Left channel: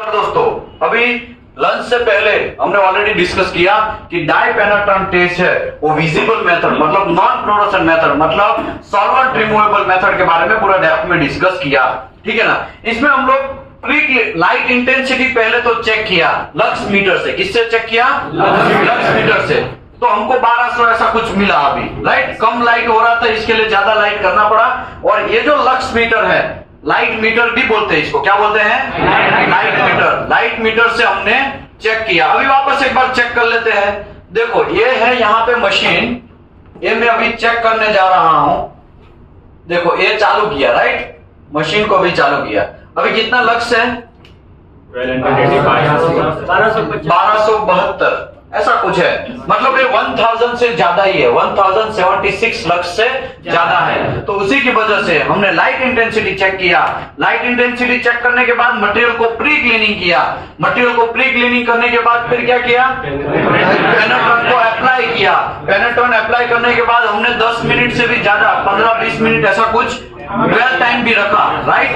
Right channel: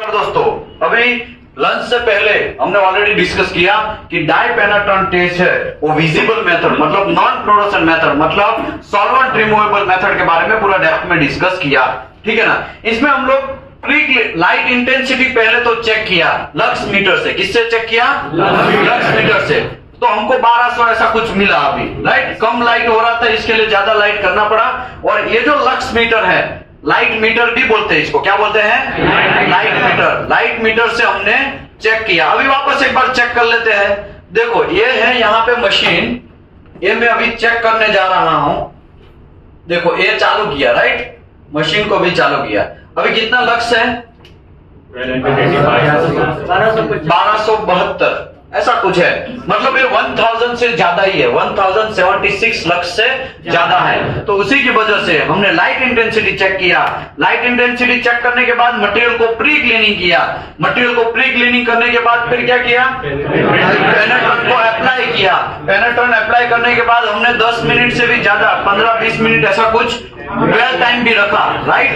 दोस्तों, अभी लंच से पहले हमने ऑलरेडी डिस्कस किया कि डाई पेनेट्रेंट टेस्ट है वो विजिबल मेथड मतलब नॉन फ्लोरोसेंट मेथड मतलब सॉल्वेंट रिमूवेबल मेथड के बारे में पूरा डेप्थ में डिस्कस किया। ठीक है ना। इसमें हम लोग प्री लाइट इंटेंसिटी पहले तो चेक किया लक्स मीटर से। किससे चेक किया? लक्स मीटर से। तो हमको 1200 ऐसा कुछ मिला। अभी लाइट कम लाइट हो रहा था, इसके लिए ज्यादा लाइट करना पड़ा। और ये जो लक्स मीटर है, लाइट मीटर भी बोलते हैं इसको। क्या बोलते हैं? Light metre. लाइट मीटर से हमने चेक किया। अभी वापस एक बार चेक कर लेते हैं। देखो ये है यहाँ पे मशीन, ये मैं अभी चेक करने जा रहा हूं। देखो ये चालू किया, राइट, मशीन को भी चालू किया। अभी कितना लक्स है? 1272 ऐसा कुछ है। मतलब ये 1000 से ज्यादा ही है, 1076 लक्स से ज्यादा है। तो उसी की वजह से हमने लाइट इंटेंसिटी चेक किया। लाइट इंटेंसिटी चेक करने के बाद मटेरियल को प्री क्लीनिंग किया। मटेरियल को प्री क्लीनिंग करने के बाद फिर क्या किया? पेनेट्रेंट को अप्लाई किया। पेनेट्रेंट अप्लाई करने के बाद हमने 10 मिनट से भी ज्यादा 15-20 मिनट ऐसा कुछ ड्वेल टाइम भी रखा, राइट।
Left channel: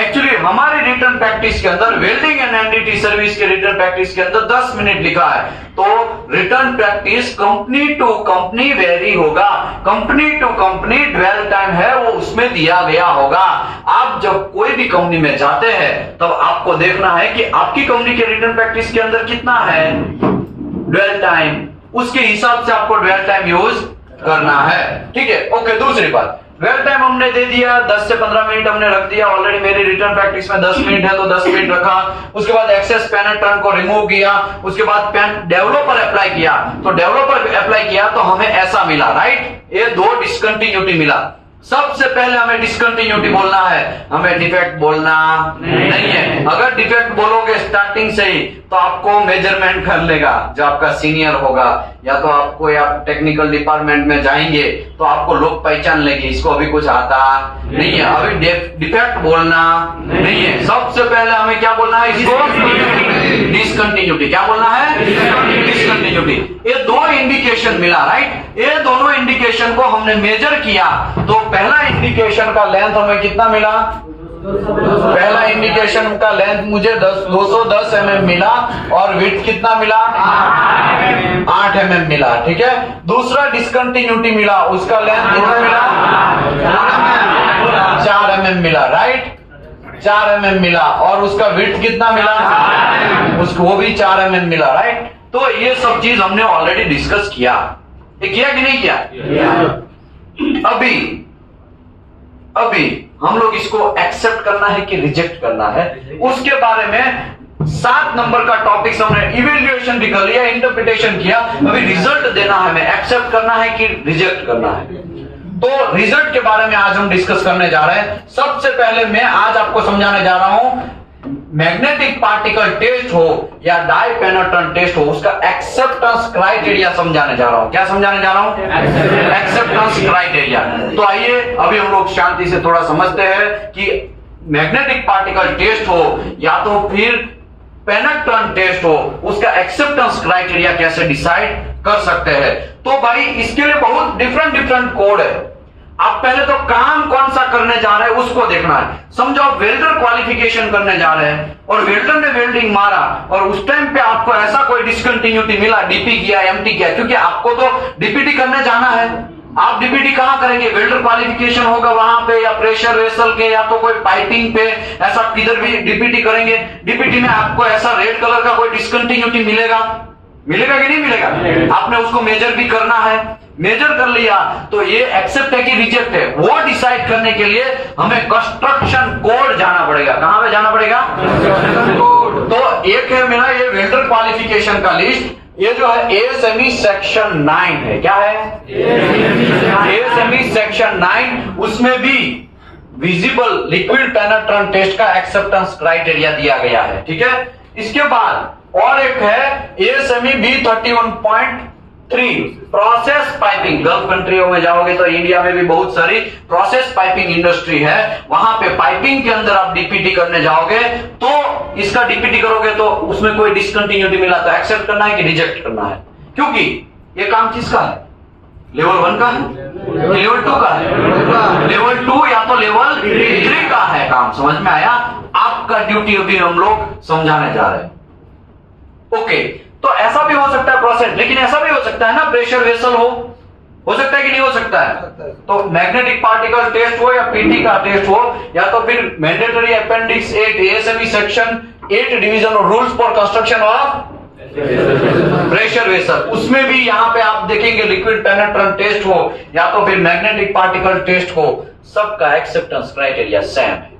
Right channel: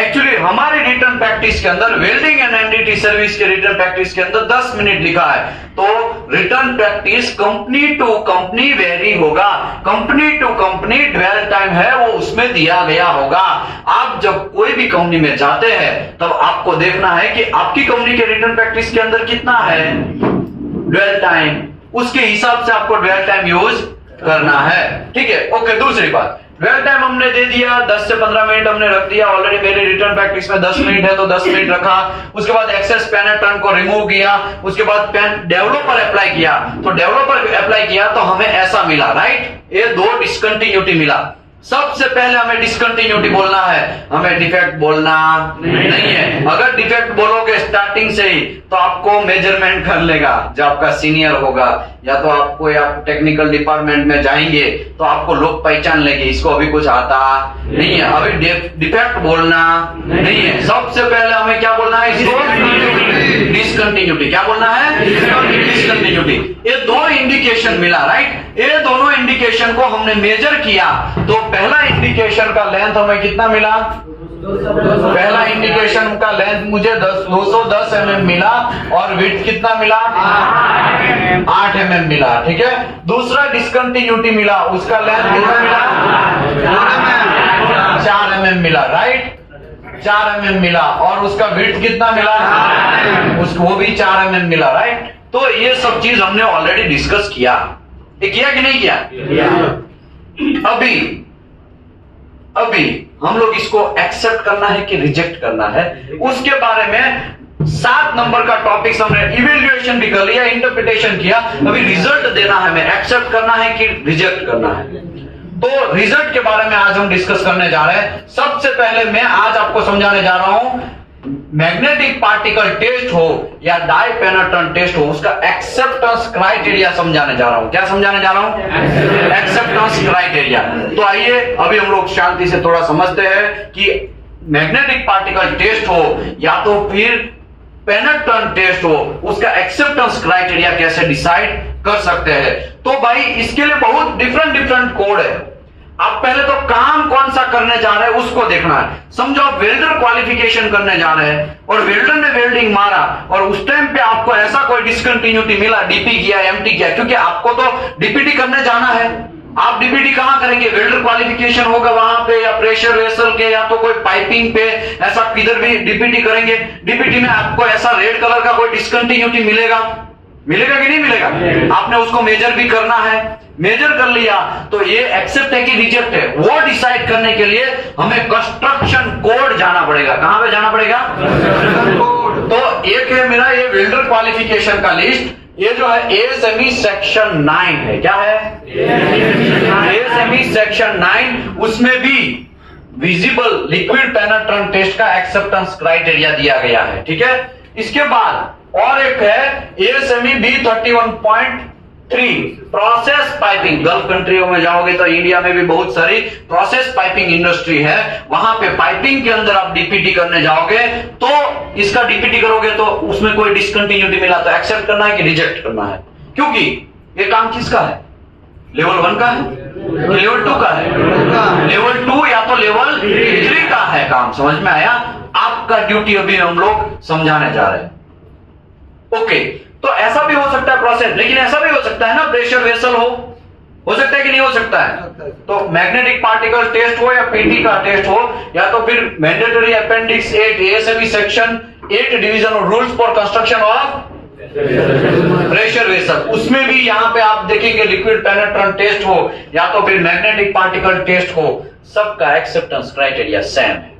एक्चुअली हमारे रिटर्न प्रैक्टिस के अंदर वेल्डिंग एंड एनडीटी सर्विस के रिटर्न प्रैक्टिस के अंदर 10 मिनट लिखा है। तो return practice company to company very होगा। Company to company dwell time है वो उसमें दिया गया होगा। आप जब कोई भी कंपनी में जाते हैं तब आपको देखना है कि आपकी कंपनी के रिटर्न प्रैक्टिस के अंदर कितना है ड्वेल टाइम, उसके हिसाब से आपको ड्वेल टाइम यूज करना है। ठीक है, ओके। दूसरी बात, ड्वेल टाइम हमने दे दिया 10 से 15 मिनट हमने रख दिया। ऑलरेडी मेरे रिटर्न प्रैक्टिस में 10 मिनट है तो 10 मिनट रखा। उसके बाद एक्सेस पेनेट्रेंट को रिमूव किया। उसके बाद डेवलपर अप्लाई किया। तो डेवलपर अप्लाई किया तो हमें ऐसा मिला, राइट। ये 2 डिस्कंटिन्यूटी मिला। सबसे पहले हमें डिस्कंटिन्यूटी बोलना है, हमें डिफेक्ट बोलना नहीं है। अगर डिफेक्ट बोलोगे स्टार्टिंग से ही तो आपको मेजरमेंट कर लेगा जो आपका सीनियर होगा, या तो आपको या टेक्निकल डिपार्टमेंट में जाएंगे तो आपको लोग पहचान लेंगे इसको अभी कुछ आता नहीं है। अभी डिफेक्ट बोलना नहीं है। सबसे पहले हमें क्या बोलना है? इसको डिस्कंटिन्यूटी। क्या बोलना है? डिस्कंटिन्यूटी। ये 2 इंडिकेशन मिला, राइट। ये दोनों इंडिकेशन को हमने मेजर किया। तो पहला इंडिकेशन का लेंथ हमें कितना मिला? पहला इंडिकेशन का लेंथ मुझे 210 mm मिला और विड्थ कितना मिला? 8 mm मिला। ठीक है। दूसरा डिस्कंटिन्यूटी मिला, उसका लेंथ कितना मिला? 4 mm मिला, राइट। 4 mm मिला। और उसका विड्थ कितना मिला? उसको वो भी 4 mm मिला, राइट। तो ये सब चीज हमने ऑलरेडी डिस्कस किया। ये किया कि नहीं किया? अभी हम लोग इसको एक्सेप्ट करना है कि रिजेक्ट करना है, उसके बारे में 7 नंबर का टॉपिक हमने इवेल्युएशन भी कर लिया, इंटरप्रिटेशन किया। अभी रिजल्ट देना है, हमें एक्सेप्ट करना है कि रिजेक्ट करना है। तो रिजल्ट के बारे में आज हम डिस्कस करने जा रहे हैं। सबसे पहले मैं आज आपको समझाने जा रहा हूं, मैग्नेटिक पार्टिकल टेस्ट हो या डाई पेनेट्रेंट टेस्ट हो, उसका एक्सेप्टेंस क्राइटेरिया समझाने जा रहा हूं। क्या समझाने जा रहा हूं? Acceptance criteria. तो आइए अभी हम लोग शांति से थोड़ा समझते हैं कि मैग्नेटिक पार्टिकल टेस्ट हो या तो फिर पेनेट्रेंट टेस्ट हो, उसका एक्सेप्टेंस क्राइटेरिया कैसे डिसाइड कर सकते हैं। तो भाई इसके लिए बहुत डिफरेंट कोड है। आप पहले तो काम कौन सा करने जा रहे हैं उसको देखना है। समझो आप वेल्डर क्वालिफिकेशन करने जा रहे हैं और वेल्डर ने वेल्डिंग मारा और उस टाइम पे आपको ऐसा कोई डिस्कंटिन्यूटी मिला, डीपी किया, एमटी किया, क्योंकि आपको तो डीपीटी करने जाना है। आप डीपीटी कहां करेंगे? वेल्डर क्वालिफिकेशन होगा वहां पे, या प्रेशर वेसल के, या तो कोई पाइपिंग पे, ऐसा किधर भी डीपीटी करेंगे। डीपीटी में आपको ऐसा रेड कलर का कोई डिस्कंटिन्यूटी मिलेगा कि नहीं मिलेगा? आपने उसको मेजर भी करना है। मेजर कर लिया तो ये एक्सेप्ट है कि रिजेक्ट है, वो डिसाइड करने के लिए हमें कंस्ट्रक्शन कोड जाना पड़ेगा। कहां पे जाना पड़ेगा? तो एक है मेरा ये वेल्डर क्वालिफिकेशन का लिस्ट। ये जो है एएसएमई सेक्शन 9 है। क्या है? ASME section 9। उसमें भी विजिबल लिक्विड पेनेट्रेंट टेस्ट का एक्सेप्टेंस क्राइटेरिया दिया गया है। ठीक है। इसके बाद और एक है ASME B31.3 process piping. Gulf कंट्रियों में जाओगे तो इंडिया में भी बहुत सारी प्रोसेस पाइपिंग इंडस्ट्री है, वहां पे पाइपिंग के अंदर आप डीपीटी करने जाओगे तो इसका डीपीटी करोगे तो उसमें कोई डिस्कंटिन्यूटी मिला तो एक्सेप्ट करना है कि रिजेक्ट करना है। क्योंकि ये काम किसका है? लेवल 1 का है। लेवल 2 का है, लेवल 2 या तो लेवल 3 का है काम। समझ में आया? आपका ड्यूटी अभी हम लोग समझाने जा रहे हैं। ओके, तो ऐसा भी हो सकता है प्रोसेस, लेकिन ऐसा भी हो सकता है ना प्रेशर वेसल हो सकता है कि नहीं हो सकता है? तो मैग्नेटिक पार्टिकल टेस्ट हो या पीटी का टेस्ट हो, या तो फिर mandatory appendix 8 ASME section 8 division और rules for construction of pressure vessel, उसमें भी यहां पे आप देखेंगे लिक्विड पेनेट्रेंट टेस्ट हो या तो फिर मैग्नेटिक पार्टिकल टेस्ट हो, सबका एक्सेप्टेंस क्राइटेरिया सेम है।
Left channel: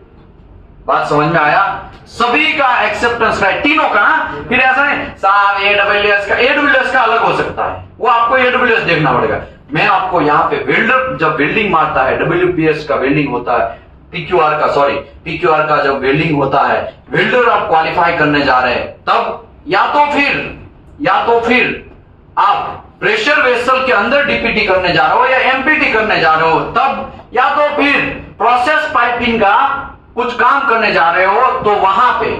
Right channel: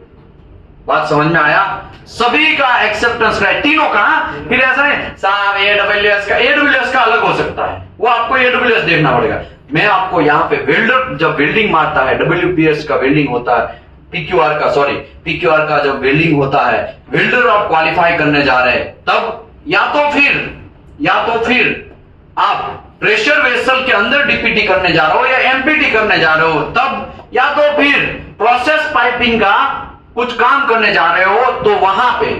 बात समझ में आया? सभी का एक्सेप्टेंस क्राइटेरिया तीनों का। फिर ऐसा नहीं साहब एडब्ल्यूएस का अलग हो सकता है, वो आपको एडब्ल्यूएस देखना पड़ेगा। मैं आपको यहाँ पे वेल्डर जब वेल्डिंग मारता है, डब्ल्यूपीएस का वेल्डिंग होता है, पीक्यूआर का जब वेल्डिंग होता है, वेल्डर आप क्वालिफाई करने जा रहे हैं, तब या तो फिर आप प्रेशर वेसल के अंदर डीपीटी करने जा रहे हो या एमपीटी करने जा रहे हो तब, या तो फिर प्रोसेस पाइपिंग का कुछ काम करने जा रहे हो, तो वहां पे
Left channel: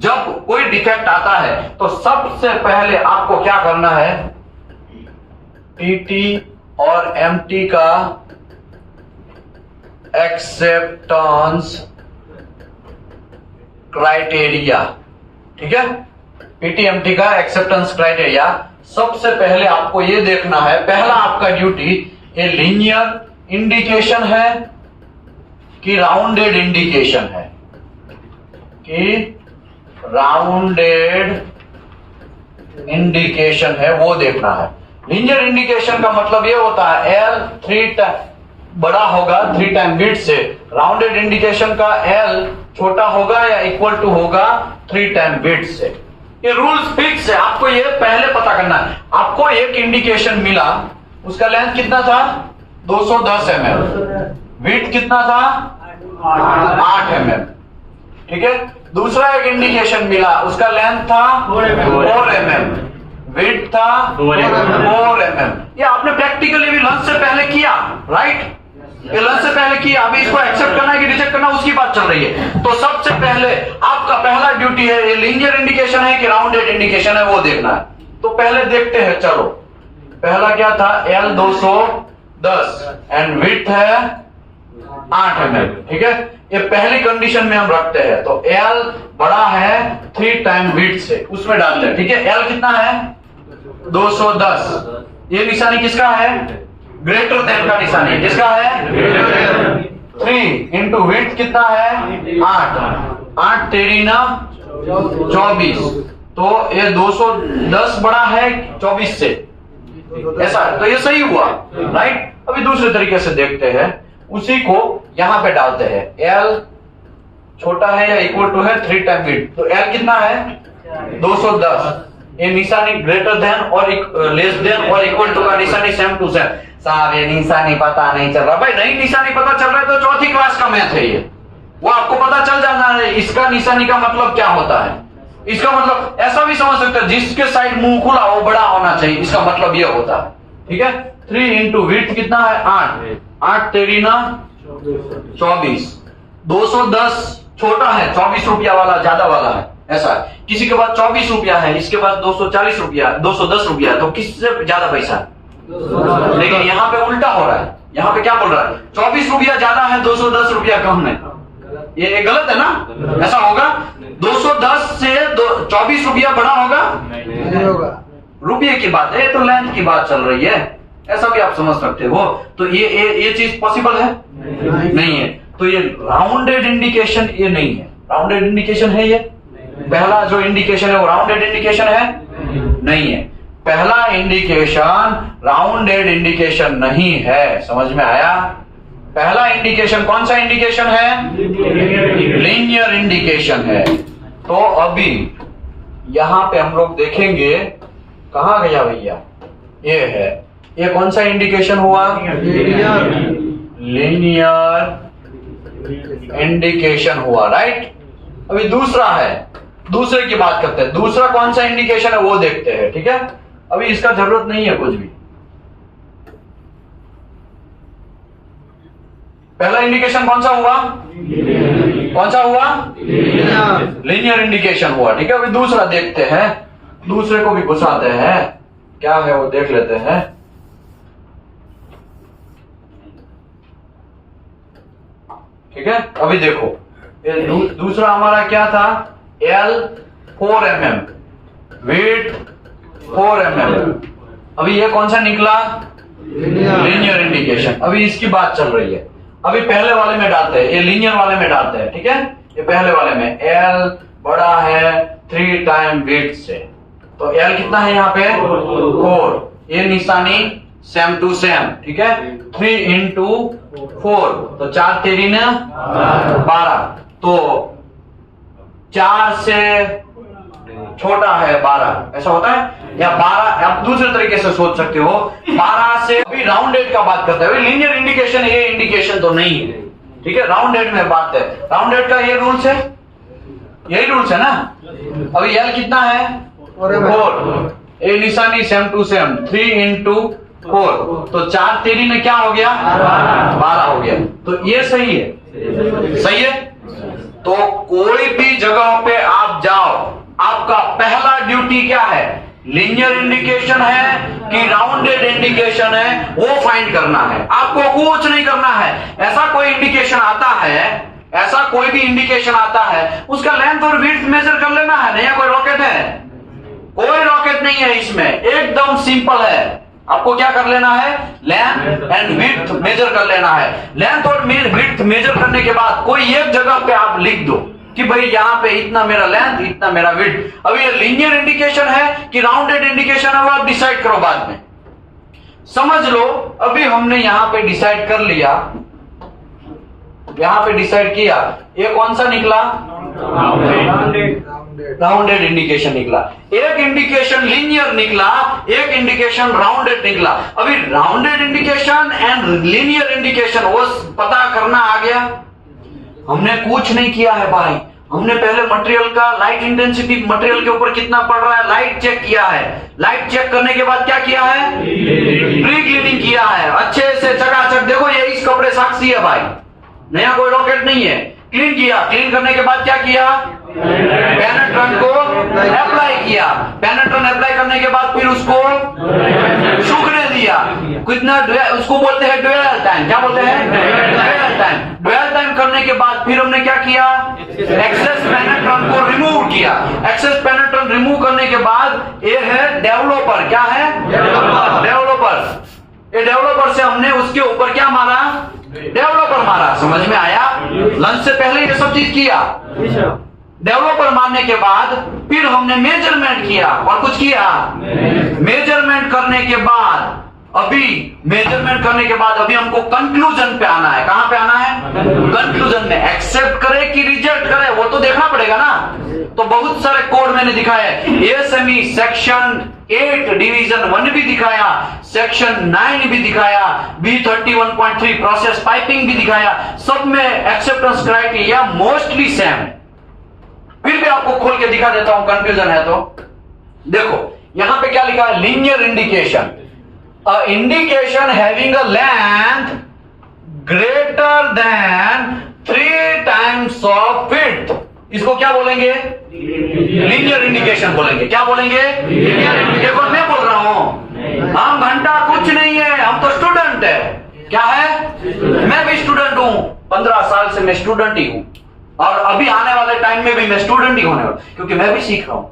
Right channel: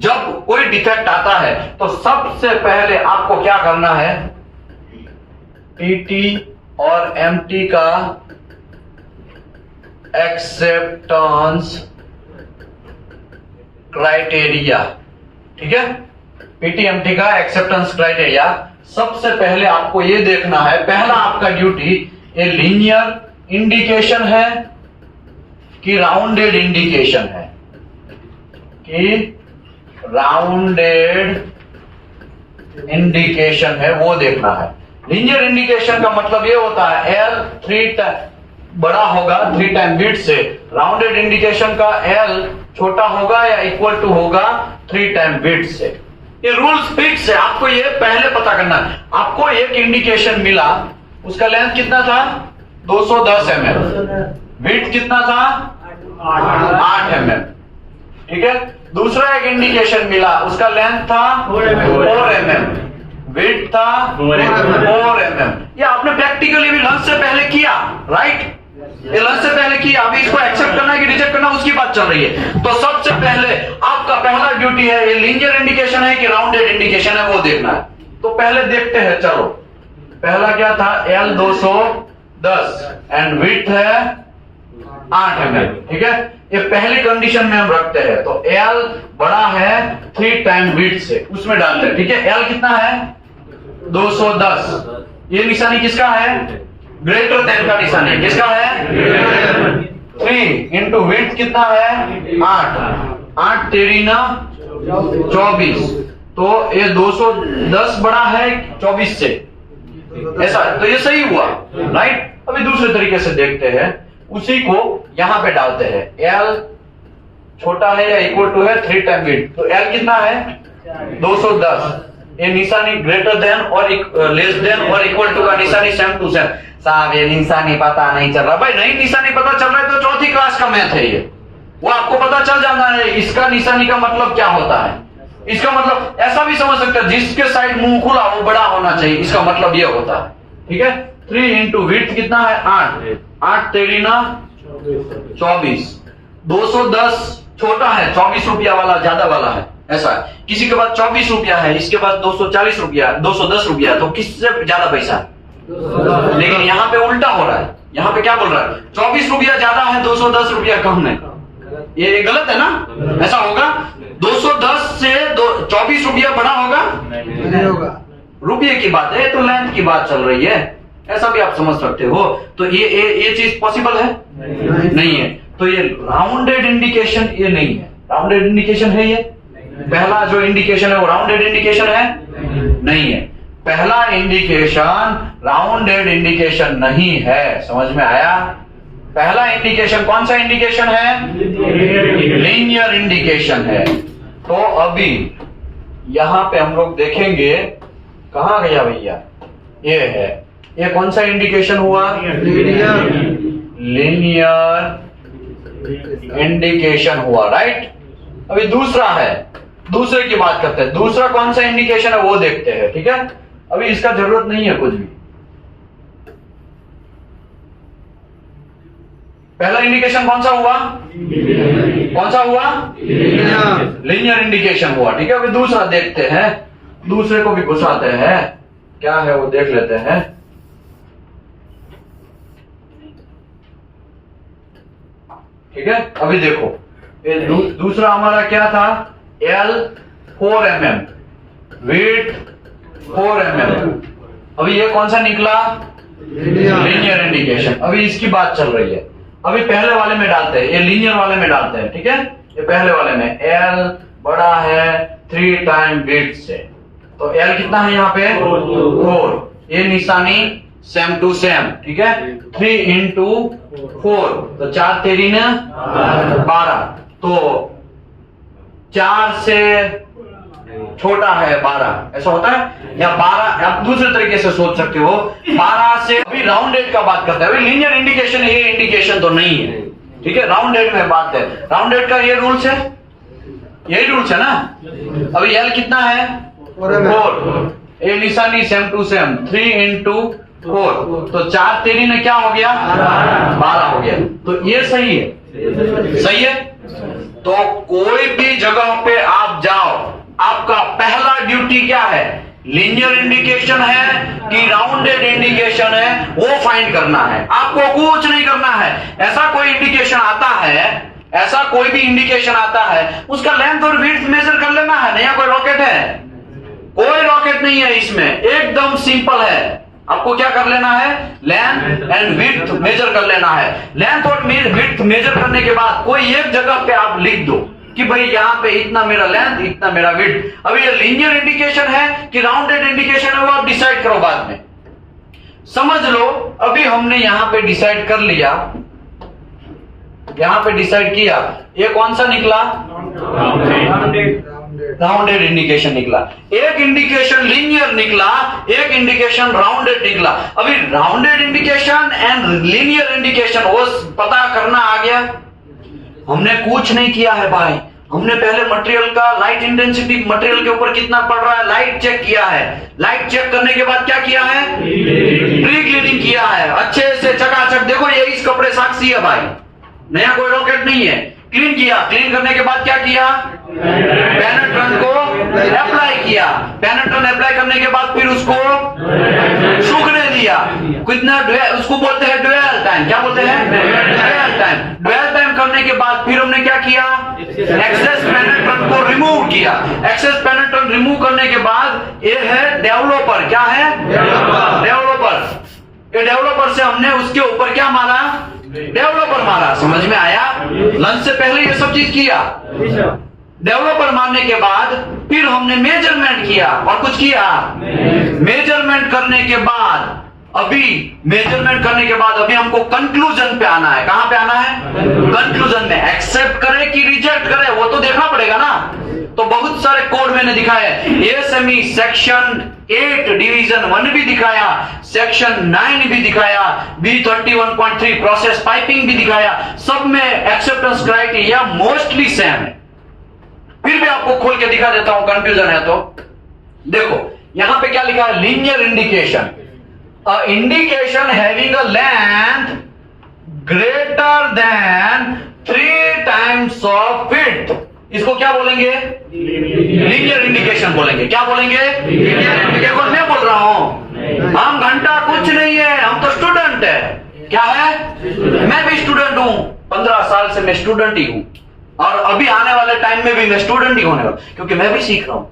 जब कोई डिफेक्ट आता है तो सबसे पहले आपको क्या करना है, पीटी और एमटी का एक्सेप्टेंस क्राइटेरिया, ठीक है? पीटीएमटी का एक्सेप्टेंस क्राइटेरिया सबसे पहले आपको यह देखना है। पहला आपका ड्यूटी, ये लीनियर इंडिकेशन है कि राउंडेड इंडिकेशन है, कि राउंडेड इंडिकेशन है, वो देखना है। लीनियर इंडिकेशन का मतलब ये होता है एल 3 बड़ा होगा 3 टाइम विड्थ से, राउंडेड इंडिकेशन का एल छोटा होगा या इक्वल टू होगा 3 टाइम विड्थ से। ये रूल्स फिक्स है, आपको ये पहले पता करना है। आपको एक इंडिकेशन मिला, उसका लेंथ कितना था 210 mm, विड्थ कितना था 8 mm, ठीक है? दूसरा एक इंडिकेशन मिला, उसका लेंथ था 4 mm, विड्थ था 4 mm। ये आपने प्रैक्टिकली भी लंच से पहले किया, राइट? ये लंच से पहले किया, अभी इसको एक्सेप्ट करना है कि रिजेक्ट करना उसकी बात चल रही है। तो सबसे पहले आपका पहला ड्यूटी है, ये लीनियर इंडिकेशन है कि राउंडेड इंडिकेशन है, वो देखना है। तो पहले देखते हैं, चलो पहला क्या था, L 210 एंड विड्थ है 8 mm, ठीक है? ये पहली कंडीशन में हम रखते हैं, तो L बड़ा है 3 टाइम विड्थ से, उसमें डालते हैं, ठीक है? L कितना है 210, ये निशानी किसका है, ग्रेटर देन का निशानी किसका है, 3 इंटू विड्थ कितना है 8 तेरी ना 24, तो ये 210 बड़ा है 24 से, ऐसा, तो ये सही हुआ, राइट? अभी दूसरे तरीके से देखते हैं, उसी को यहां पे डालते हैं, L छोटा है या इक्वल टू है 3 टाइम विड्थ, तो L कितना है 210, ये निशानी ग्रेटर देन और लेस देन और इक्वल टू का निशानी सेम टू सेम। साहब ये निशानी पता नहीं चल रहा, भाई नहीं निशानी पता चल रहा है तो चौथी क्लास का मैथ है ये, वो आपको पता चल जाना है इसका निशानी का मतलब क्या होता है। इसका मतलब ऐसा भी समझ सकते हैं, जिसके साइड मुंह खुला वो बड़ा होना चाहिए, इसका मतलब ये होता है, ठीक है? 3 इंटू विड्थ कितना है 8 तेरी ना 24, 210 छोटा है, 24 रुपया वाला ज्यादा वाला है, ऐसा है। किसी के पास 24 रुपया है, इसके पास 240 रुपया 210 रुपया, तो किससे ज्यादा पैसा है? लेकिन यहाँ पे उल्टा हो रहा है, यहाँ पे क्या बोल रहा है, 24 रुपया ज्यादा है 210 रुपया कम है, ये गलत है ना? ऐसा होगा 210 से 24 रुपया बड़ा होगा, नहीं होगा, रुपये की बात है, तो लेंथ की बात चल रही है, ऐसा भी आप समझ सकते हो। तो ये चीज पॉसिबल है नहीं है, तो ये राउंडेड इंडिकेशन ये नहीं है, राउंडेड इंडिकेशन है ये पहला जो इंडिकेशन है वो राउंडेड इंडिकेशन है नहीं है, पहला इंडिकेशन राउंडेड इंडिकेशन नहीं है, समझ में आया? पहला इंडिकेशन कौन सा इंडिकेशन है, लीनियर इंडिकेशन है। तो अभी यहां पे हम लोग देखेंगे, कहां गया भैया, ये है, ये कौन सा इंडिकेशन हुआ, लीनियर इंडिकेशन हुआ, राइट? अभी दूसरा है, दूसरे की बात करते हैं, दूसरा कौन सा इंडिकेशन है वो देखते हैं, ठीक है? अभी इसका जरूरत नहीं है कुछ भी। पहला इंडिकेशन कौन सा हुआ, कौन सा हुआ, लीनियर इंडिकेशन हुआ, ठीक है? अभी दूसरा देखते हैं, दूसरे को भी घुसाते हैं, क्या है वो देख लेते हैं। ठीक है। अभी देखो ये दूसरा हमारा क्या था, L 4 mm, विड्थ 4 mm। अभी ये कौन सा निकला, लीनियर इंडिकेशन। अभी इसकी बात चल रही है। अभी पहले वाले में डालते हैं, ये लीनियर वाले में डालते हैं, ठीक है। ये पहले वाले में L बड़ा है 3 टाइम विड्थ से, तो L कितना है यहाँ पे 4, ये निशानी सेम टू सेम, ठीक है। 3 इंटू 4 तो 4 तेरी ने 12, तो 4 से छोटा है 12, ऐसा होता है। या 12 आप दूसरे तरीके से सोच सकते हो, 12 से, अभी राउंडेड का बात करते हैं। अभी लीनियर इंडिकेशन ये इंडिकेशन तो नहीं है, ठीक है। राउंडेड में बात है, राउंडेड का ये रूल्स है, यही रूल्स है ना। अभी L कितना है 4, ये निशानी सेम टू सेम, 3 इंटू 4 तो 4 तेरी ने क्या हो गया 12 हो गया, तो ये सही है, सही है। तो कोई भी जगह पे आप जाओ, आपका पहला ड्यूटी क्या है, लीनियर इंडिकेशन है कि राउंडेड इंडिकेशन है, वो फाइंड करना है। आपको कुछ नहीं करना है। ऐसा कोई इंडिकेशन आता है, ऐसा कोई भी इंडिकेशन आता है, उसका लेंथ और विड्थ मेजर कर लेना है। नया कोई रॉकेट है, कोई रॉकेट नहीं है इसमें, एकदम सिंपल है। आपको क्या कर लेना है, लेंथ एंड विड्थ मेजर कर लेना है। लेंथ और विड्थ मेजर करने के बाद कोई एक जगह पे आप लिख दो कि भाई यहाँ पे इतना मेरा लेंथ, इतना मेरा विड्थ। अभी ये लीनियर इंडिकेशन है कि राउंडेड इंडिकेशन है, वो आप डिसाइड करो बाद में, समझ लो। अभी हमने यहाँ पे डिसाइड कर लिया, यहाँ पे डिसाइड किया, ये कौन सा निकला, राउंडेड इंडिकेशन निकला। एक इंडिकेशन लीनियर निकला, एक इंडिकेशन राउंडेड निकला। अभी rounded indication and linear indication वो पता करना आ गया। हमने कुछ नहीं किया है भाई, हमने पहले मटेरियल का लाइट इंटेंसिटी, मटेरियल के ऊपर कितना पड़ रहा है, लाइट चेक किया है। लाइट चेक करने के बाद क्या किया है, प्री क्लीनिंग किया है, अच्छे से चकाचक। देखो ये इस कपड़े साक्षी है भाई, नया कोई रॉकेट नहीं है। क्लीन किया, क्लीन करने के बाद क्या किया, पेनेट्रेंट को अप्लाई किया। पेनेट्रेंट अप्लाई करने के बाद फिर उसको सूखने दिया। कितना, उसको बोलते हैं ड्वेल टाइम। क्या बोलते हैं, ड्वेल टाइम। ड्वेल टाइम करने के बाद फिर हमने क्या किया, एक्सेस पेनेट्रेंट को रिमूव किया। एक्सेस पेनेट्रेंट रिमूव करने के बाद ये है डेवलपर। क्या है, डेवलपर। ये डेवलपर से हमने उसके ऊपर क्या मारा, डेवलपर मारा। समझ में आया, लंच से पहले ये सब चीज किया। डेवलपर मारने के बाद फिर हमने मेजरमेंट किया और कुछ किया। मेजरमेंट करने के बाद अभी हमको कंक्लूजन पे आना है। कहां पे आना है, कंक्लूजन में। एक्सेप्ट करे कि रिजेक्ट करे वो तो देखना पड़ेगा ना। तो बहुत सारे कोड मैंने दिखाए, एएसएमई सेक्शन 8 डिवीजन 1 भी दिखाया, सेक्शन 9 भी दिखाया, B31.3 प्रोसेस पाइपिंग भी दिखाया। सब में एक्सेप्टेंस क्राइटेरिया मोस्टली सेम है। फिर भी आपको खोल के दिखा देता हूं, कंफ्यूजन है तो देखो। यहां पे क्या लिखा है, linear indication, a indication having a length greater than 3 times of width, इसको क्या बोलेंगे, लीनियर इंडिकेशन बोलेंगे। क्या बोलेंगे, लीनियर इंडिकेशन। मैं बोल रहा हूं, हम घंटा कुछ नहीं है, हम तो स्टूडेंट है। क्या है, मैं भी स्टूडेंट हूं, 15 साल से मैं स्टूडेंट ही हूं, और अभी आने वाले टाइम में भी मैं स्टूडेंट ही होने वाला, क्योंकि मैं भी सीख रहा हूं।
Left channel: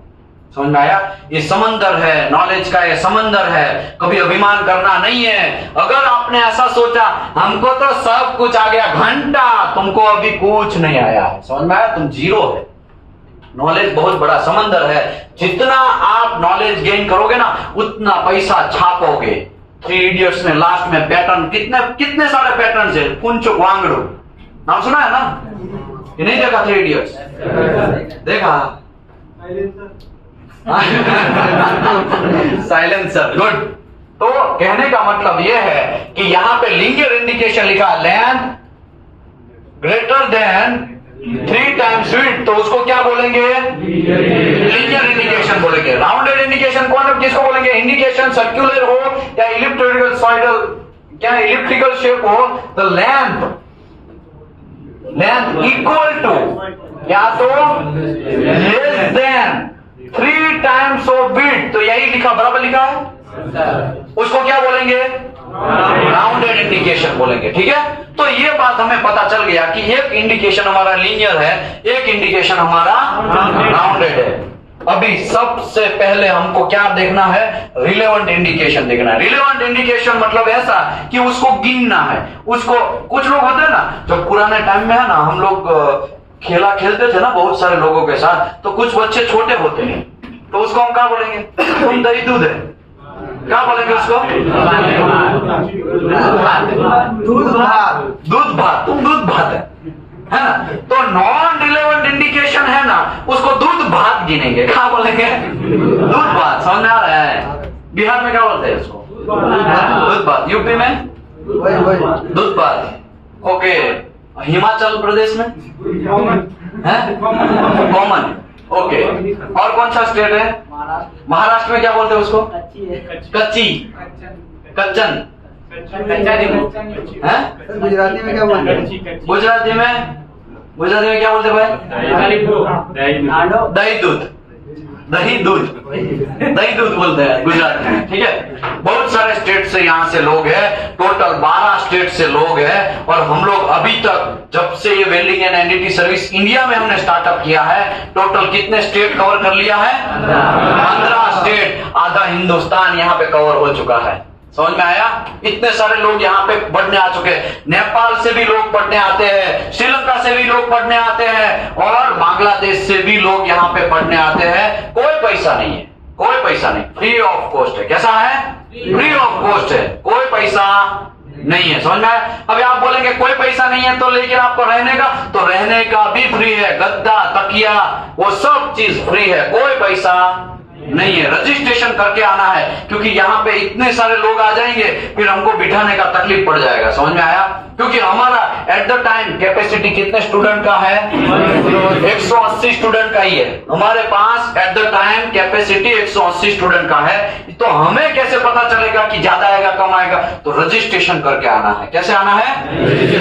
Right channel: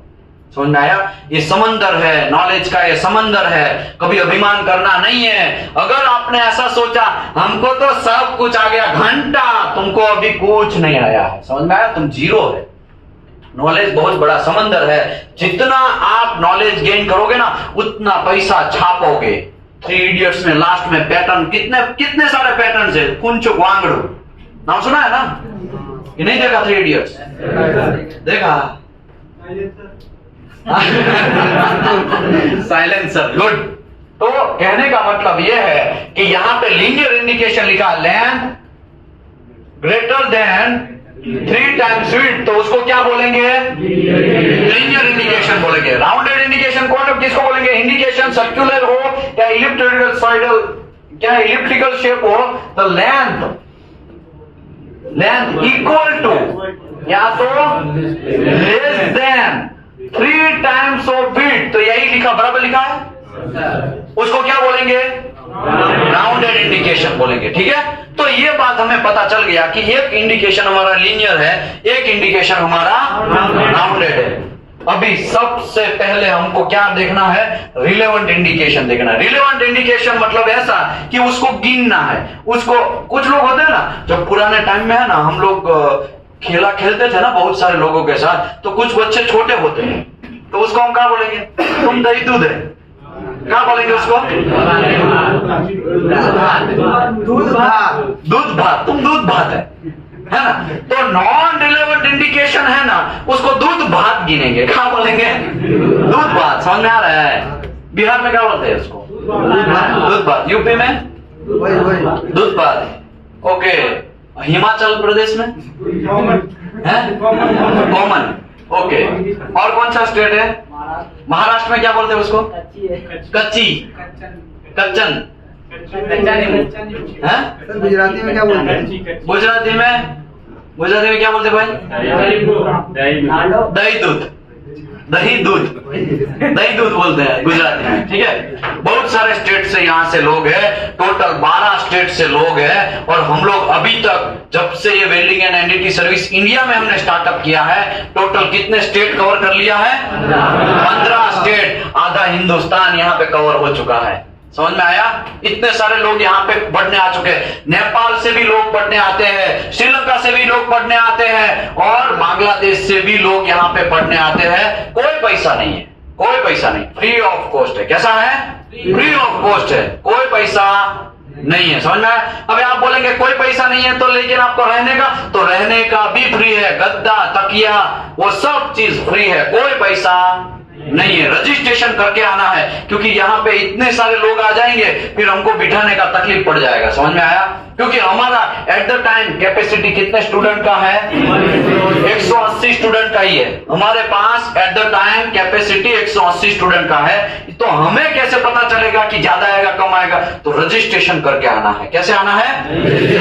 समझ में आया, ये समंदर है, नॉलेज का ये समंदर है, कभी अभिमान करना नहीं है। अगर आपने ऐसा सोचा हमको तो सब कुछ आ गया, घंटा, तुमको अभी कुछ नहीं आया है। समझ में आया, तुम जीरो है। नॉलेज बहुत बड़ा समंदर है, जितना आप नॉलेज गेन करोगे ना उतना पैसा छापोगे। 3 इडियट्स में लास्ट में पैटर्न, कितने सारे पैटर्न है, कुंचो वांगड़ू नाम सुना है ना, ये नहीं देखा 3 इडियट्स, देखा साइलेंसर, गुड। तो कहने का मतलब यह है कि यहां पे लीनियर इंडिकेशन लिखा, length greater than 3 times width, तो उसको क्या बोलेंगे, लीनियर इंडिकेशन बोलेंगे। राउंडेड इंडिकेशन कौन, किसको बोलेंगे, इंडिकेशन सर्कुलर हो या इलिप्टिकल क्या इलिप्टिकल शेप हो, तो लेंथ इक्वल टू या तो less than 3 times of width, तो यही लिखा, बराबर लिखा है। उसको क्या बोलेंगे? राउंडेड इंडिकेशन बोलेंगे। ठीक है, तो ये बात हमें पता चल गया कि एक इंडिकेशन हमारा लीनियर है, एक इंडिकेशन हमारा राउंडेड है। अभी सबसे पहले हमको क्या देखना है? रिलेवेंट इंडिकेशन देखना है। रिलेवेंट इंडिकेशन मतलब ऐसा कि उसको गिनना है। उसको कुछ लोग होते हैं ना, जब पुराने टाइम में है ना, हम लोग खेला खेलते थे ना बहुत सारे लोगों के साथ, तो कुछ बच्चे छोटे होते हैं, तो उसको हम क्या बोलेंगे? तुम दही दूध है, क्या बोलेंगे उसको? दूध भात, तुम दूध भात है ना। तो नॉन रिलेवेंट इंडिकेशन है ना, उसको दूध भात गिनेंगे। क्या बोलेंगे? दूध भात। समझ में आ रहा है? बिहार में क्या बोलते हैं उसको? दूध भात। यूपी में दूध भात। ओके, हिमाचल प्रदेश में है कॉमन। ओके, और कौन सा स्टेट है? महाराष्ट्र में क्या बोलते हैं उसको? कच्ची, कच्चन है। गुजराती में क्या बोलते हैं? गुजराती में क्या बोलते भाई? दही दूध, दही दूध, दही दूध बोलते हैं गुजराती में। ठीक है, बहुत सारे स्टेट से यहाँ से लोग हैं, टोटल 12 स्टेट से लोग हैं। और हम लोग अभी तक जब से ये welding and NDT service India में हमने स्टार्टअप किया है, टोटल कितने स्टेट कवर कर लिया है? 15 स्टेट, आधा हिंदुस्तान यहाँ पे कवर हो चुका है। समझ में आया? इतने सारे लोग यहाँ पे पढ़ने आ चुके हैं। नेपाल से भी लोग पढ़ने आते हैं, श्रीलंका से भी लोग पढ़ने आते हैं, और बांग्लादेश से भी लोग यहाँ पे पढ़ने आते हैं। कोई पैसा नहीं है, कोई पैसा नहीं, फ्री ऑफ कॉस्ट है। कैसा है? फ्री ऑफ कॉस्ट है, कोई पैसा नहीं है। समझ में आया? अभी आप बोलेंगे कोई पैसा नहीं है तो, लेकिन आपको रहने का, तो रहने का भी फ्री है। गद्दा, तकिया, वो सब चीज फ्री है, कोई पैसा नहीं है। रजिस्ट्रेशन करके आना है, क्योंकि यहाँ पे इतने सारे लोग आ जाएंगे, फिर हमको बिठाने का तकलीफ पड़ जाएगा। समझ में आया? क्योंकि हमारा एट द टाइम कैपेसिटी कितने स्टूडेंट का है? 180 स्टूडेंट का ही है हमारे पास। At the time capacity 180 student का है। तो हमें कैसे पता चलेगा कि ज्यादा आएगा कम आएगा? तो रजिस्ट्रेशन करके आना है। कैसे आना है?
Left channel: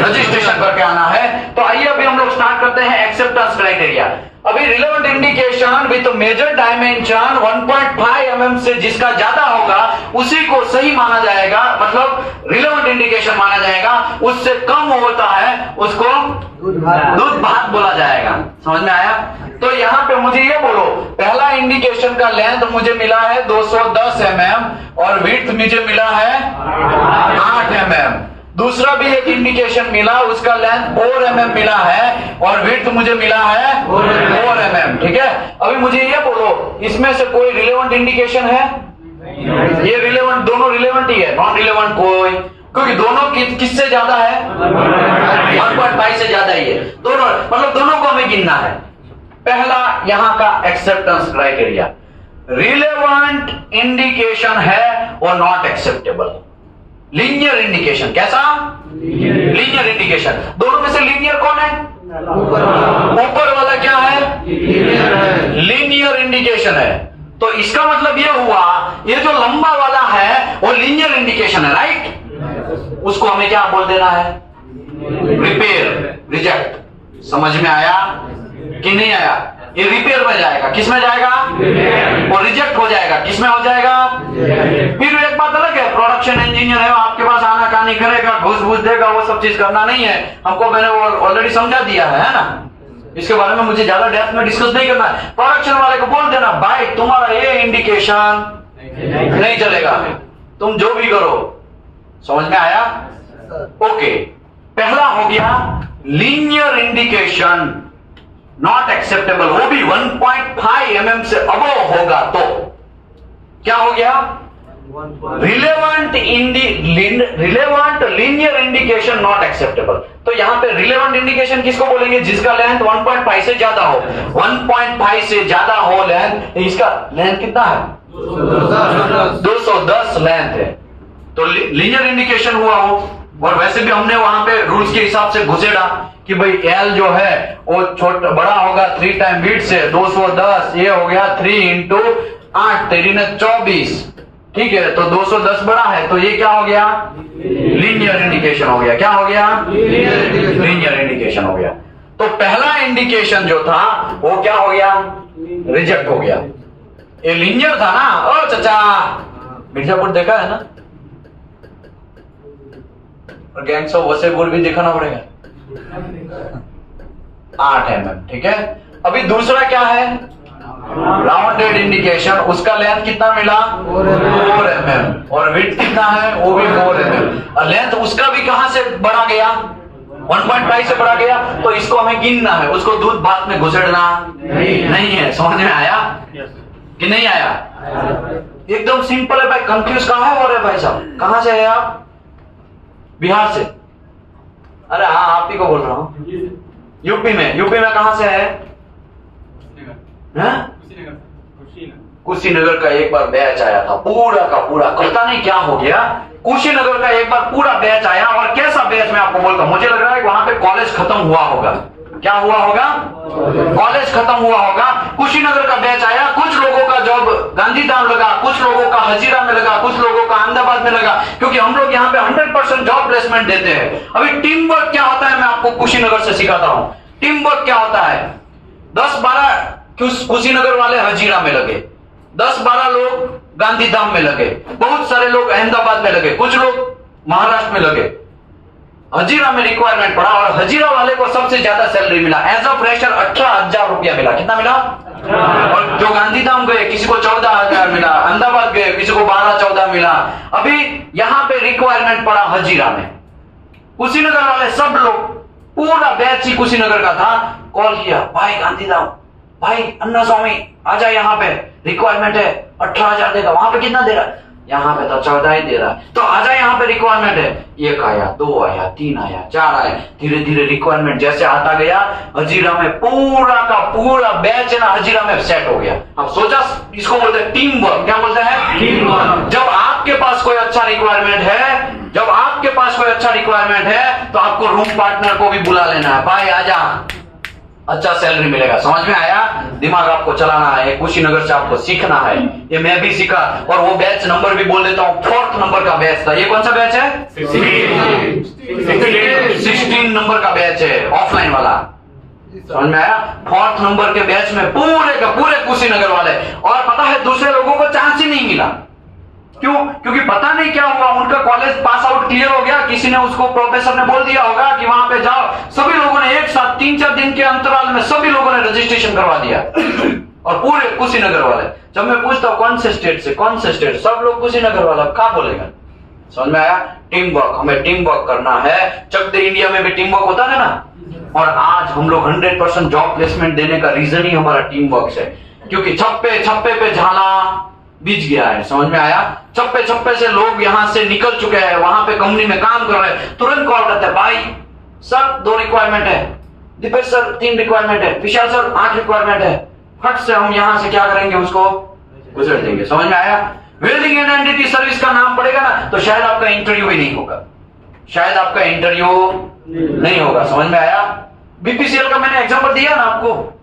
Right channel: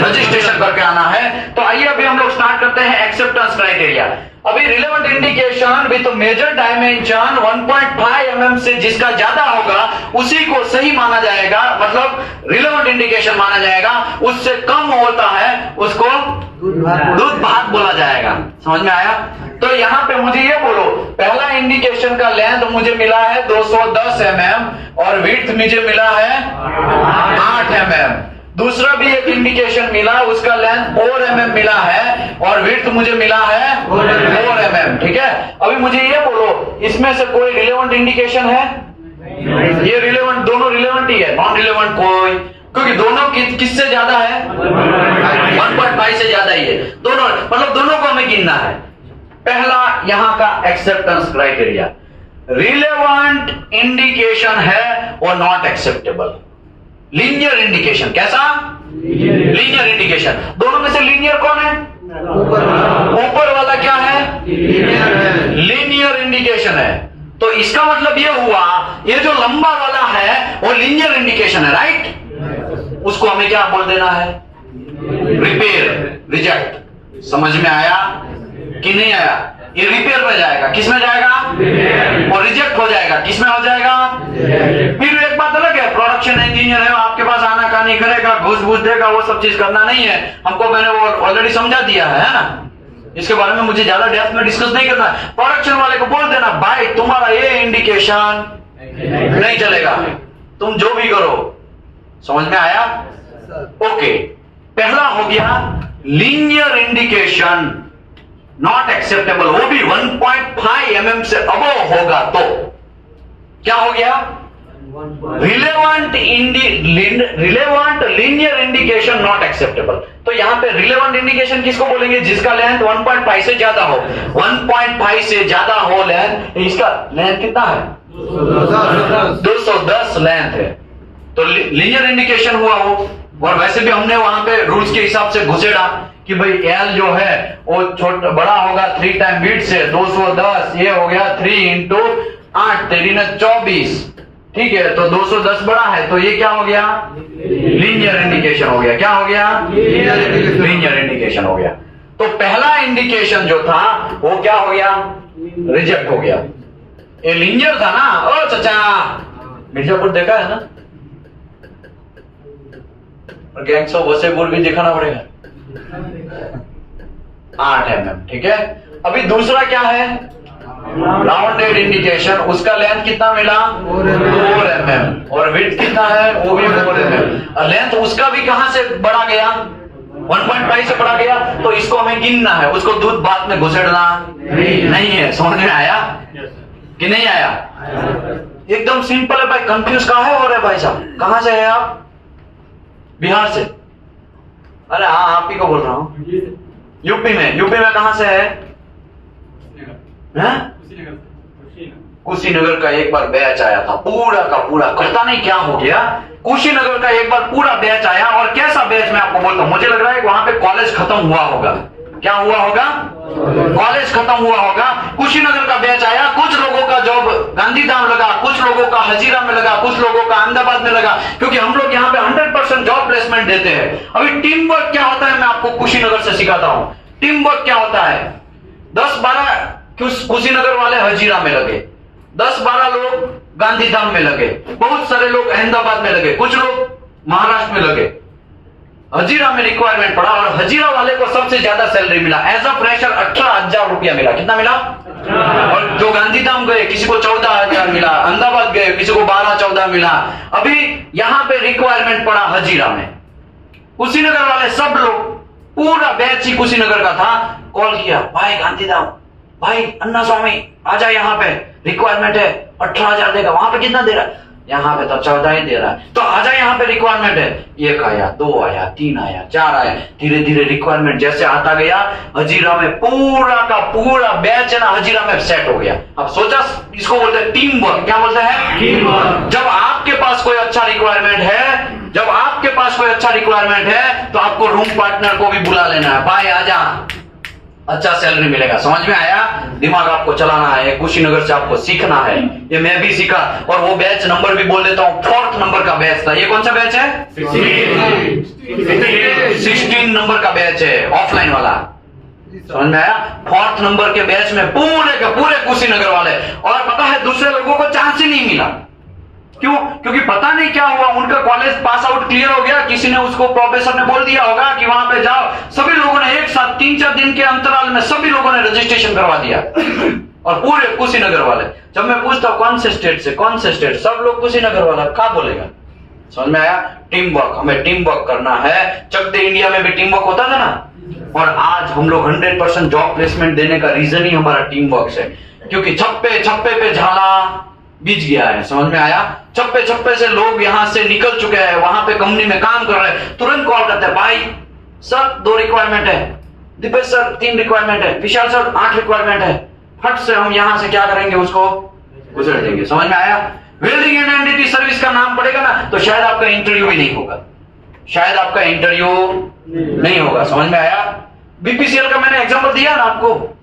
रजिस्ट्रेशन करके आना है। तो आइए अभी हम लोग स्टार्ट करते हैं एक्सेप्टेंस क्राइटेरिया। अभी relevant indication with major dimension 1.5 mm से जिसका ज्यादा होगा उसी को सही माना जाएगा, मतलब रिलेवेंट इंडिकेशन माना जाएगा। उससे कम होता है उसको दूध भात बोला जाएगा। समझ में आया? तो यहाँ पे मुझे ये बोलो, पहला इंडिकेशन का लेंथ मुझे मिला है 210 mm और विड्थ मुझे मिला है 8 mm। दूसरा भी एक इंडिकेशन मिला, उसका लेंथ 4 mm मिला है और विड्थ मुझे मिला है 4 mm। ठीक है, अभी मुझे ये बोलो, इसमें से कोई रिलेवेंट इंडिकेशन है? ये रिलेवेंट, दोनों रिलेवेंट ही है, नॉन रिलेवेंट कोई, क्योंकि दोनों किससे ज्यादा है? 1.5 से ज्यादा ही है दोनों, मतलब दोनों को हमें गिनना है। पहला यहाँ का एक्सेप्टेंस क्राइटेरिया, रिलेवेंट इंडिकेशन है और नॉट एक्सेप्टेबल। लीनियर इंडिकेशन, कैसा? Linear indication. दोनों में से लीनियर कौन है? ऊपर वाला क्या है? लीनियर इंडिकेशन है। तो इसका मतलब ये हुआ, ये जो लंबा वाला है वो लीनियर इंडिकेशन है, राइट? उसको हमें क्या बोल देना है? Repair, reject. समझ में आया कि नहीं आया? ये रिपेयर में जाएगा, किस में जाएगा? और रिजेक्ट हो जाएगा, किस में हो जाएगा? फिर एक बात अलग है, प्रोडक्शन इंजीनियर है, आपके पास आना कहानी करेगा, घूस घूस देगा, वो सब चीज करना नहीं है हमको। मैंने वो ऑलरेडी समझा दिया है ना, इसके बारे में मुझे ज्यादा डेप्थ में डिस्कस नहीं करना। प्रोडक्शन वाले को बोल देना, भाई तुम्हारा ये इंडिकेशन नहीं चलेगा, तुम जो भी करो। समझ में आया? ओके, पहला हो गया लीनियर इंडिकेशन नॉट एक्सेप्टेबल, वो भी 1.5 mm से अबव होगा तो क्या हो गया? Relevant linear indication not acceptable. तो यहां पे रिलेवेंट इंडिकेशन किसको बोलेंगे? जिसका लेंथ 1.5 से ज्यादा हो। 1.5 से ज्यादा हो लेंथ, इसका लेंथ कितना है? 210 लेंथ है, तो लीनियर इंडिकेशन हुआ हो। और वैसे भी हमने वहां पे रूल्स के हिसाब से घुसेड़ा कि भाई एल जो है वो छोटा बड़ा होगा 3 टाइम बीट से, 210 ये हो गया 3 × 8 तेरी ने 24, ठीक है, तो 210 बड़ा है, तो ये क्या हो गया? लीनियर इंडिकेशन हो गया। क्या हो गया? लीनियर इंडिकेशन हो गया। तो पहला इंडिकेशन जो था वो क्या हो गया? रिजेक्ट हो गया। ये लीनियर था ना, ओ चाचा, मिर्जापुर देखा है ना, और गैंग्स ऑफ वसेपुर भी दिखाना पड़ेगा। 8 mm, ठीक है। अभी दूसरा क्या है, राउंडेड इंडिकेशन, उसका लेंथ कितना मिला 4 mm, और विड्थ कितना है वो भी 4 mm, और लेंथ उसका भी कहां से बढ़ा गया 1.5 से बढ़ा गया, तो इसको हमें गिनना है, उसको दूध भात में घुसेड़ना नहीं है। समझ में आया कि नहीं आया? एकदम सिंपल है भाई। कंफ्यूज कहां है हो रहे भाई साहब? कहां से है आप? बिहार से? अरे हाँ, आप ही को बोल रहा हूं। यूपी में कहां से है? कुशीनगर का एक बार बैच आया था, पूरा का पूरा, पता नहीं क्या हो गया, कुशीनगर का एक बार पूरा बैच आया। और कैसा बैच मैं आपको बोलता हूं, मुझे लग रहा है वहां पे कॉलेज खत्म हुआ होगा। क्या हुआ होगा? कॉलेज खत्म हुआ होगा। कुशीनगर का बैच आया, कुछ लोगों का जॉब गांधीधाम लगा, कुछ लोगों का हजीरा में लगा, कुछ लोगों का अहमदाबाद में लगा, क्योंकि हम लोग यहाँ पे 100% जॉब प्लेसमेंट देते हैं। अभी टीम वर्क क्या होता है मैं आपको कुशीनगर से सिखाता हूं। टीम वर्क क्या होता है, 10-12 कुशीनगर वाले हजीरा में लगे, 10-12 लोग गांधीधाम में लगे, बहुत सारे लोग अहमदाबाद में लगे, कुछ लोग महाराष्ट्र में लगे। हजीरा में रिक्वायरमेंट पड़ा और हजीरा वाले को सबसे ज्यादा सैलरी मिला। एज अ फ्रेशर 18,000 रुपया मिला। कितना मिला? और जो गांधीधाम गए किसी को 14,000 मिला, अहमदाबाद गए किसी को 12-14 मिला। अभी यहां पे रिक्वायरमेंट पड़ा हजीरा में, कुशीनगर वाले सब लोग, पूरा बैच ही कुशीनगर का था, कॉल किया, भाई गांधीधाम, भाई अन्ना स्वामी आजा, यहाँ पे रिक्वायरमेंट है, 18,000 देगा। वहां पे कितना दे रहा है? यहाँ पे तो 14 ही दे रहा है। तो आजा, यहाँ पे रिक्वायरमेंट है। 1 आया, 2 आया, 3 आया, 4 आया, धीरे धीरे रिक्वायरमेंट जैसे आता गया, हजीरा में पूरा का पूरा बैच है ना हजीरा में सेट हो गया। अब सोचा, इसको बोलते हैं टीम वर्क। क्या बोलते हैं? Team work. जब आपके पास कोई अच्छा रिक्वायरमेंट है, जब आपके पास कोई अच्छा रिक्वायरमेंट है, तो आपको रूम पार्टनर को भी बुला लेना है, भाई आजा, अच्छा सैलरी मिलेगा। समझ में आया? दिमाग आपको चलाना है, कुशीनगर से आपको सीखना है। ये मैं भी सीखा, और वो बैच नंबर भी बोल देता हूँ, 4th नंबर का बैच था। ये कौन सा बैच है? 16 नंबर का बैच है, ऑफलाइन वाला। समझ में आया? 4th नंबर के बैच में पूरे के पूरे कुशीनगर वाले। और पता है दूसरे लोगों को चांस ही नहीं मिला। क्यों? क्योंकि पता नहीं क्या हुआ, उनका कॉलेज पास आउट क्लियर हो गया, किसी ने उसको, प्रोफेसर ने बोल दिया होगा कि वहां पे जाओ। सभी लोगों ने एक साथ 3-4 दिन के अंतराल में सभी लोगों ने रजिस्ट्रेशन करवा दिया, और पूरे कुशीनगर वाले। जब मैं पूछता हूं कौन से स्टेट से, कौन से स्टेट, सब लोग कुशीनगर वाला। क्या बोलेगा? समझ में आया? टीम वर्क, हमें टीम वर्क करना है। चक दे इंडिया में भी टीम वर्क होता था ना, और आज हम लोग 100% जॉब प्लेसमेंट देने का रीजन ही हमारा टीम वर्क है, क्योंकि छप्पे छप्पे पे झाला बीच गया है। समझ में आया? छप्पे छप्पे से लोग यहां से निकल चुके हैं, वहां पे कंपनी में काम कर रहे हैं, तुरंत कॉल करते हैं, भाई सर 2 रिक्वायरमेंट है, दीपेश सर 3 रिक्वायरमेंट है, विशाल सर 8 रिक्वायरमेंट है। फट से हम यहां से क्या करेंगे, उसको गुजर देंगे। समझ में आया? वेल्डिंग एंड एनडीटी सर्विस का नाम पड़ेगा ना, तो शायद आपका इंटरव्यू भी नहीं होगा, शायद आपका इंटरव्यू नहीं होगा। समझ में आया? बीपीसीएल का मैंने एग्जांपल दिया ना आपको।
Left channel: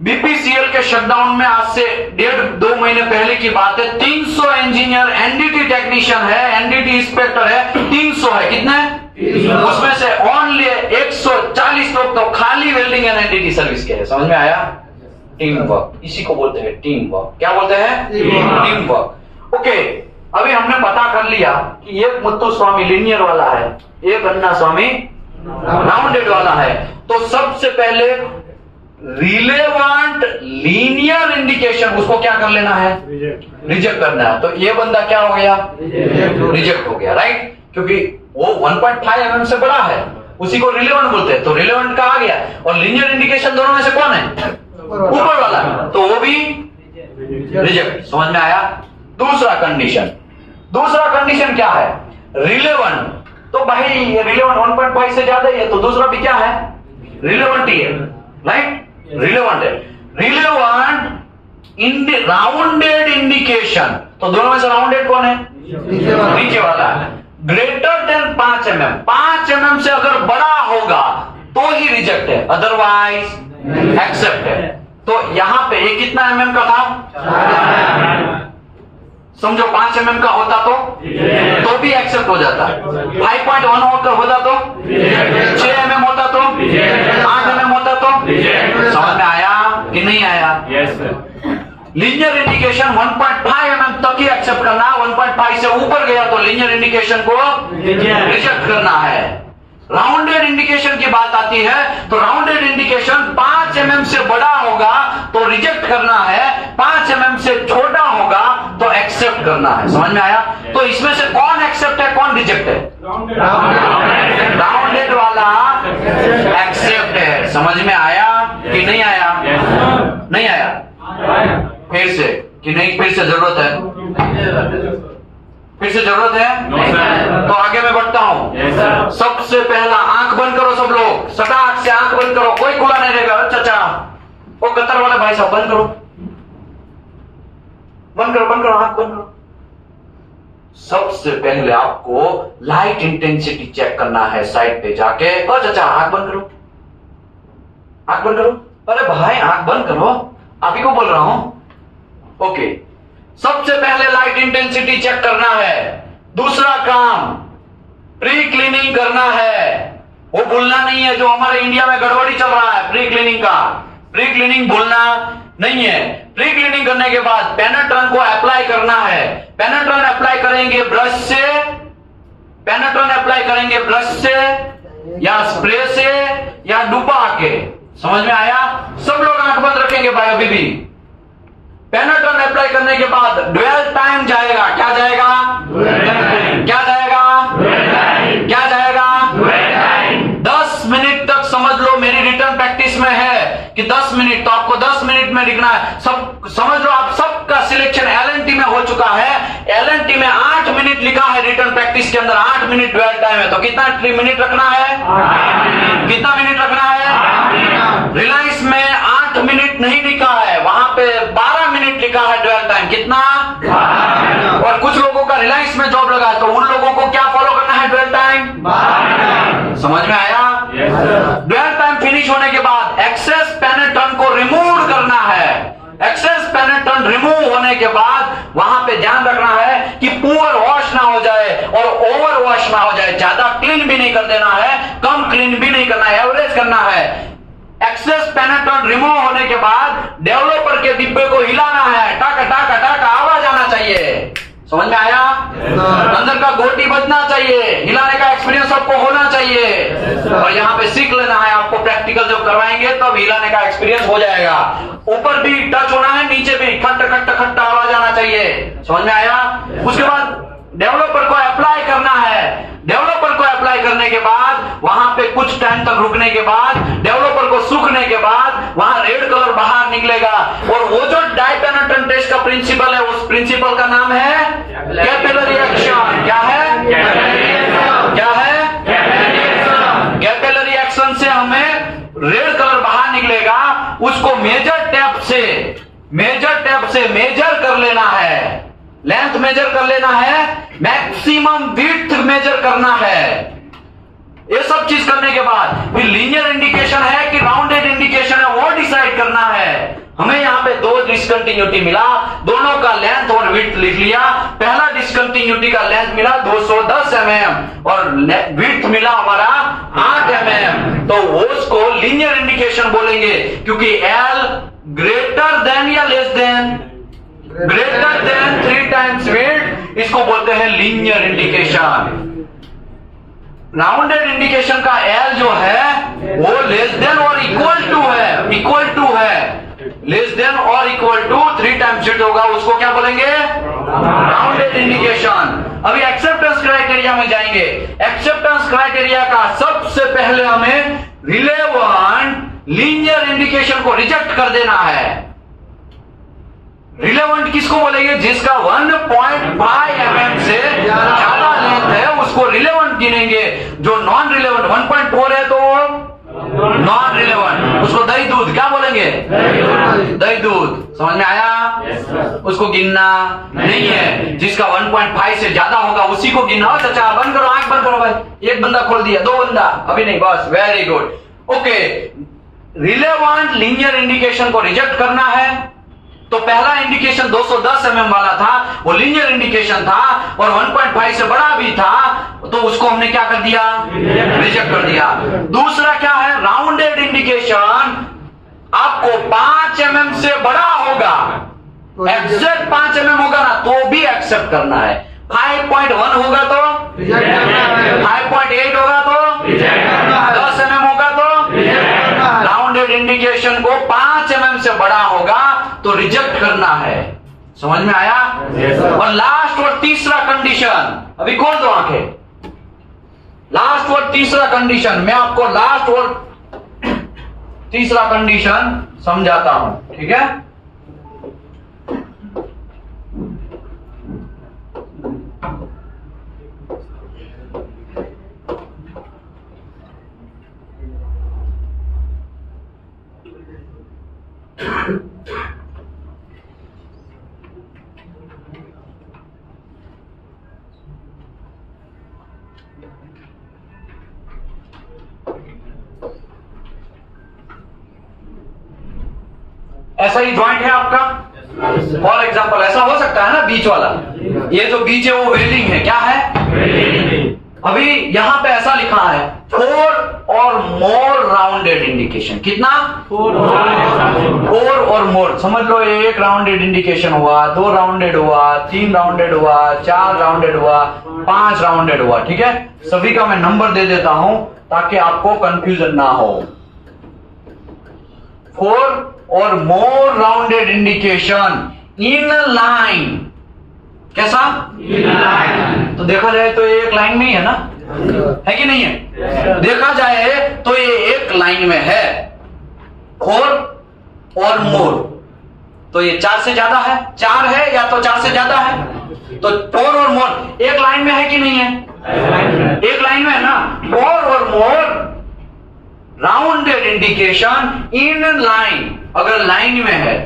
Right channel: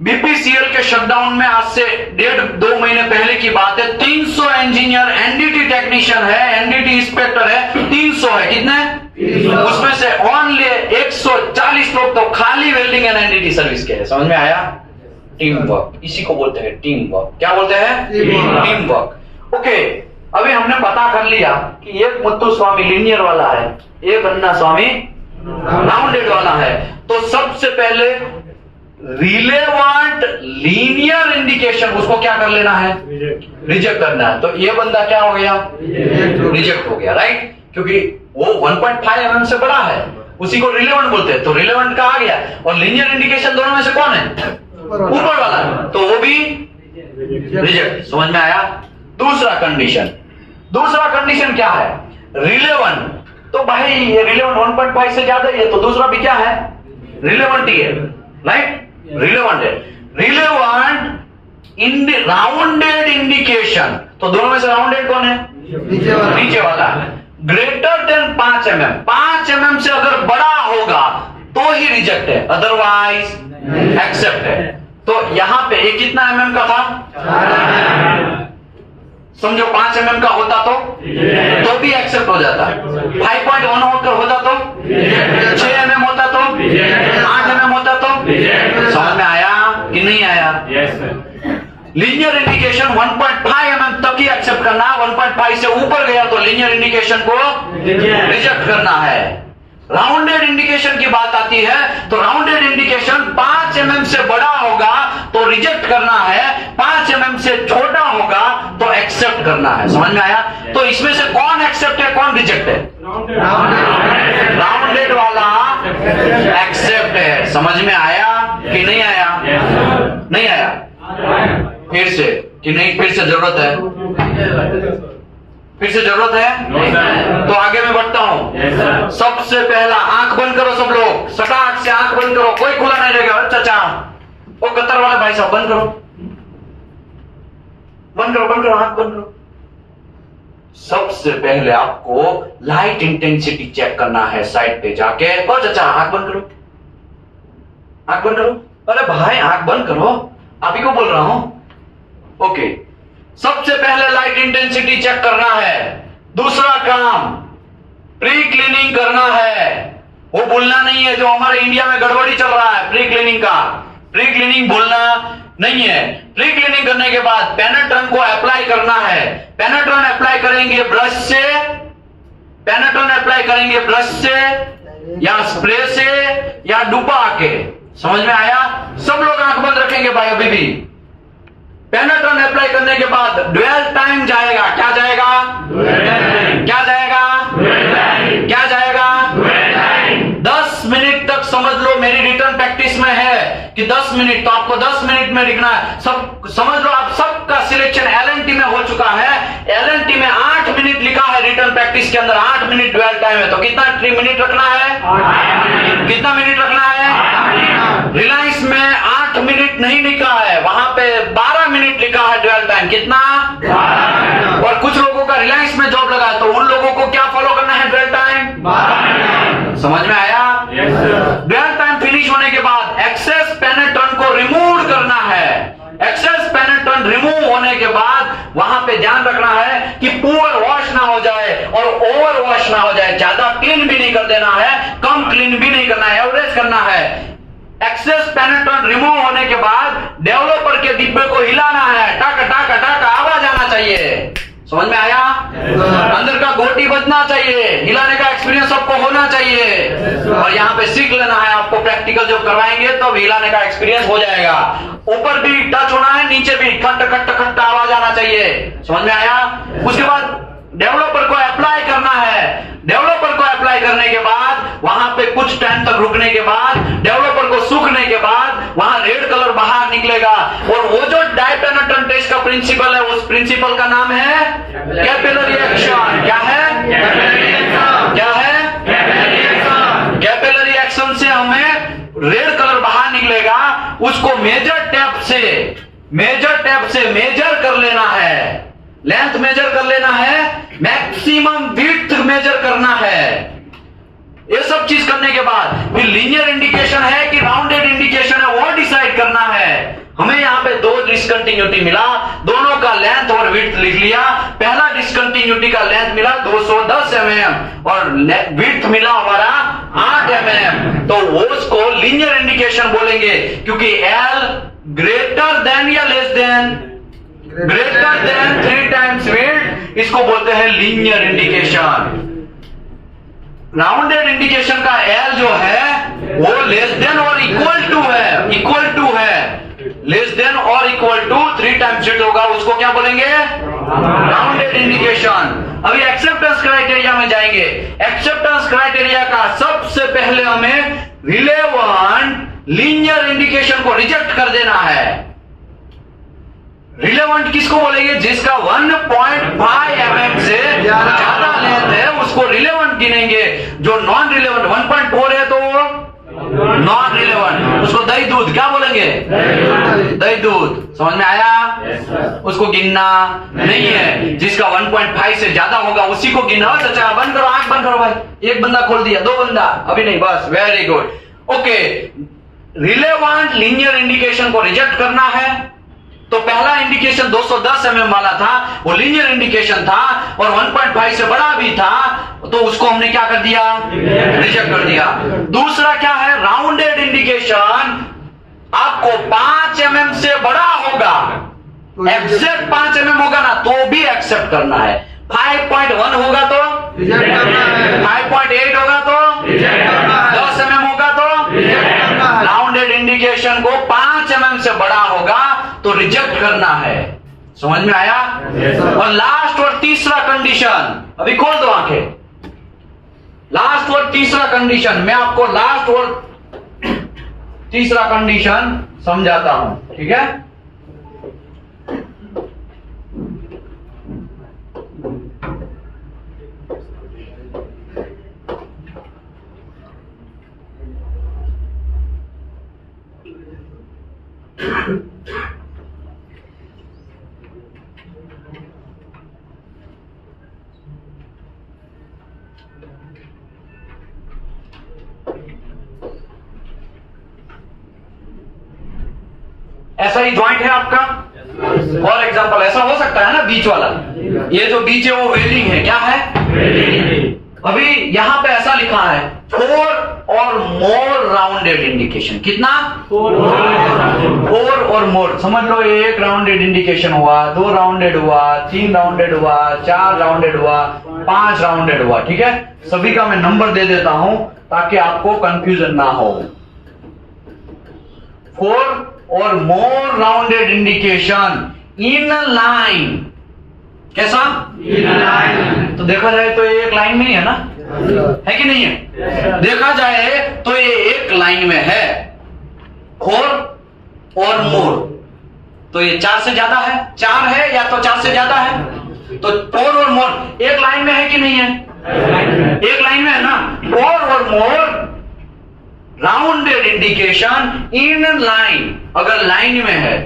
बीपीसीएल के शटडाउन में आज से 1.5-2 महीने पहले की बात है, 300 इंजीनियर एनडीटी टेक्नीशियन है, एनडीटी इंस्पेक्टर है, 300 है। कितने? उसमें से ओनली 140 लोग तो खाली वेल्डिंग एंड एनडीटी सर्विस के हैं। समझ में आया? टीम वर्क, इसी को बोलते हैं टीम वर्क। क्या बोलते हैं? Team work. ओके, अभी हमने पता कर लिया कि एक मुत्तु स्वामी लीनियर वाला है, एक अन्ना स्वामी राउंडेड वाला है। तो सबसे पहले रिलेवेंट लीनियर इंडिकेशन, उसको क्या कर लेना है? रिजेक्ट करना है। तो ये बंदा क्या हो गया? रिजेक्ट हो गया, राइट? क्योंकि वो 1.5 mm से बड़ा है, उसी को रिलेवेंट बोलते हैं। तो रिलेवेंट का आ गया, और लीनियर इंडिकेशन दोनों में से कौन है? ऊपर वाला, तो वो भी रिजेक्ट। समझ में आया? दूसरा कंडीशन क्या है? रिलेवेंट। तो भाई ये रिलेवेंट 1.5 से ज्यादा ही है, तो दूसरा भी क्या है? रिलेवेंट ही है, राइट? रिलेवेंट है। रिलेवेंट राउंडेड इंडिकेशन, तो दोनों में से राउंडेड कौन है? नीचे वाला है। ग्रेटर देन 5 mm, 5 mm से अगर बड़ा होगा तो ही रिजेक्ट है, अदरवाइज एक्सेप्ट है। तो यहां पे ये कितना mm का था? समझो 5 mm का होता तो भी एक्सेप्ट हो जाता। 5.1 होकर होता तो, 6 mm होता तो, 8 mm होता तो। समझ में आया कि नहीं आया? लीनियर इंडिकेशन 1.5 mm तक ही एक्सेप्ट करना है, 1.5 से ऊपर गया तो लीनियर इंडिकेशन को रिजेक्ट करना है। राउंडेड इंडिकेशन की बात आती है तो राउंडेड इंडिकेशन 5 mm से बड़ा होगा तो रिजेक्ट करना है, 5 mm से छोटा होगा तो एक्सेप्ट करना है। समझ में आया? तो इसमें से कौन एक्सेप्ट है कौन रिजेक्ट है? राउंडेड वाला एक्सेप्ट है। समझ में आया कि नहीं आया? नहीं आया? फिर से कि नहीं? फिर से जरूरत है? फिर से जरूरत है? तो आगे मैं बढ़ता हूं। सबसे पहला आंख बंद करो सब लोग, सटाक से आंख बंद करो, कोई खुला नहीं रहेगा। चाचा वो कतर वाला भाई साहब बंद करो, बंद करो, बंद करो, आंख बंद करो। सबसे पहले आपको लाइट इंटेंसिटी चेक करना है साइड पे जाके। ओ चाचा आंख बंद करो, आंख बंद करो। अरे भाई आंख बंद करो, अभी को बोल रहा हूं। ओके, सबसे पहले लाइट इंटेंसिटी चेक करना है। दूसरा काम प्री क्लीनिंग करना है। वो भूलना नहीं है जो हमारे इंडिया में गड़बड़ी चल रहा है प्री क्लीनिंग का। प्री क्लीनिंग भूलना नहीं है। प्री क्लीनिंग करने के बाद पेनेट्रन को अप्लाई करना है। पेनेट्रन अप्लाई करेंगे ब्रश से, पेनेट्रन अप्लाई करेंगे ब्रश से या स्प्रे से या डुबा के। समझ में आया? सब लोग आंख बंद रखेंगे भाई अभी भी। पेनेट्रन अप्लाई करने के बाद ड्वेल टाइम जाएगा। क्या जाएगा? क्या जाएगा? क्या जाएगा? 10 मिनट तक समझ लो। मेरी रिटर्न प्रैक्टिस में है कि 10 मिनट, तो आपको 10 मिनट में लिखना है। सब समझ लो, आप सबका सिलेक्शन एलएनटी में हो चुका है। एलएनटी में 8 मिनट लिखा है रिटर्न प्रैक्टिस के अंदर, 8 मिनट ड्वेल टाइम है। तो कितना मिनट रखना है? कितना मिनट रखना है? रिलायंस में 8 मिनट नहीं लिखा है, वहां पे 12 मिनट लिखा है ड्वेल टाइम। कितना? और कुछ लोगों का रिलायंस में जॉब लगा है तो उन लोगों को क्या फॉलो करना है? Dwell time. समझ में आया? ड्वेल टाइम फिनिश होने के बाद एक्सेस पेनेट्रन को रिमूव करना है। एक्सेस पेनेट्रन रिमूव होने के बाद वहां पे ध्यान रखना है कि पुअर वॉश ना हो जाए और ओवर वॉश ना हो जाए। ज्यादा क्लीन भी नहीं कर देना है, कम क्लीन भी नहीं करना है, एवरेज करना है। एक्सेस पेनेट्रन रिमूव होने के बाद डेवलपर के डिब्बे को हिलाना है, टाका टाका टाका आवाज आना चाहिए। समझ में आया? अंदर का गोटी बजना चाहिए, हिलाने का एक्सपीरियंस सबको होना चाहिए। और यहाँ पे सीख लेना है, आपको प्रैक्टिकल जब करवाएंगे तो हिलाने का एक्सपीरियंस हो जाएगा। ऊपर भी टच होना है, नीचे भी खट खट खट आवाज आना चाहिए। समझ में आया? उसके बाद डेवलपर को अप्लाई करना है। डेवलपर को अप्लाई करने के बाद वहां पे कुछ टाइम तक रुकने के बाद डेवलपर को सूखने के बाद वहां रेड कलर बाहर निकलेगा। और वो जो डाइपेनेट्रेंट टेस्ट का प्रिंसिपल है, उस प्रिंसिपल का नाम है कैपिलरी एक्शन। क्या है? क्या है? कैपिलरी एक्शन से हमें रेड कलर बाहर निकलेगा, उसको मेजर टेप से मेजर कर लेना है। लेंथ मेजर कर लेना है, मैक्सिमम विड्थ मेजर करना है। ये सब चीज करने के बाद फिर लीनियर इंडिकेशन है कि राउंडेड इंडिकेशन है वो डिसाइड करना है। हमें यहाँ पे 2 डिसकंटिन्यूटी मिला, दोनों का लेंथ और विड्थ लिख लिया। पहला डिसकंटिन्यूटी का लेंथ मिला 210 mm और विड्थ मिला हमारा 8 mm। तो वो उसको लीनियर इंडिकेशन बोलेंगे, क्योंकि एल ग्रेटर देन या less than, greater than 3 times width, इसको बोलते हैं लीनियर इंडिकेशन। राउंडेड इंडिकेशन का एल जो है वो लेस देन और इक्वल टू है, इक्वल टू है, लेस देन और इक्वल टू 3 times विड्थ होगा, उसको क्या बोलेंगे? Rounded indication. अभी एक्सेप्टेंस क्राइटेरिया में जाएंगे। एक्सेप्टेंस क्राइटेरिया का सबसे पहले हमें रिलेवेंट लीनियर इंडिकेशन को रिजेक्ट कर देना है। रिलेवेंट किसको बोलेंगे? जिसका 1.5 mm से ज्यादा लेंथ है उसको रिलेवेंट गिनेंगे। जो नॉन रिलेवेंट 1.4 है तो नॉन रिलेवेंट, उसको दही दूध क्या बोलेंगे? दही दूध। समझ में आया? उसको गिनना नहीं है। जिसका 1.5 से ज्यादा होगा उसी को गिना। अच्छा बंद करो, आंख बंद करो भाई। एक बंदा खोल दिया, 2 बंदा अभी नहीं, बस very good. Okay, relevant linear indication को रिजेक्ट करना है। तो पहला इंडिकेशन 210 mm वाला था, वो लीनियर इंडिकेशन था और 1.5 से बड़ा भी था, तो उसको हमने क्या कर दिया? रिजेक्ट कर दिया। दूसरा क्या है? राउंडेड इंडिकेशन आपको 5 mm से बड़ा होगा, एग्जैक्ट 5 mm होगा ना तो भी एक्सेप्ट करना है, 5.1 होगा तो रिजेक्ट करना है, 5.8 होगा तो रिजेक्ट करना है, 10 mm होगा तो रिजेक्ट करना है, राउंडेड इंडिकेशन को 5 mm से बड़ा होगा तो रिजेक्ट करना है। समझ में आया? और लास्ट और तीसरा कंडीशन, अभी खोल दो आंखें। लास्ट और तीसरा कंडीशन, मैं आपको लास्ट और तीसरा कंडीशन समझाता हूं, ठीक है? ऐसा ही जॉइंट है आपका, फॉर एग्जांपल ऐसा हो सकता है ना, बीच वाला, ये जो बीच है वो वेल्डिंग है, क्या है? अभी यहां पे ऐसा लिखा है 4 और मोर राउंडेड इंडिकेशन। कितना? 4 और मोर। समझ लो ये 1 राउंडेड इंडिकेशन हुआ, 2 राउंडेड हुआ, 3 राउंडेड हुआ, 4 राउंडेड हुआ, 5 राउंडेड हुआ, ठीक है? सभी का मैं नंबर दे देता हूं ताकि आपको कंफ्यूजन ना हो। 4 or more rounded indication in line. कैसा? In line. तो देखा जाए तो ये एक लाइन में ही है ना, है कि नहीं है? देखा जाए तो ये एक लाइन में है, 4 और मोर। तो ये 4 से ज्यादा है, 4 है या तो 4 से ज्यादा है। तो 4 और मोर एक लाइन में है कि नहीं है? एक लाइन में है ना। 4 or more rounded indication in line, अगर लाइन में है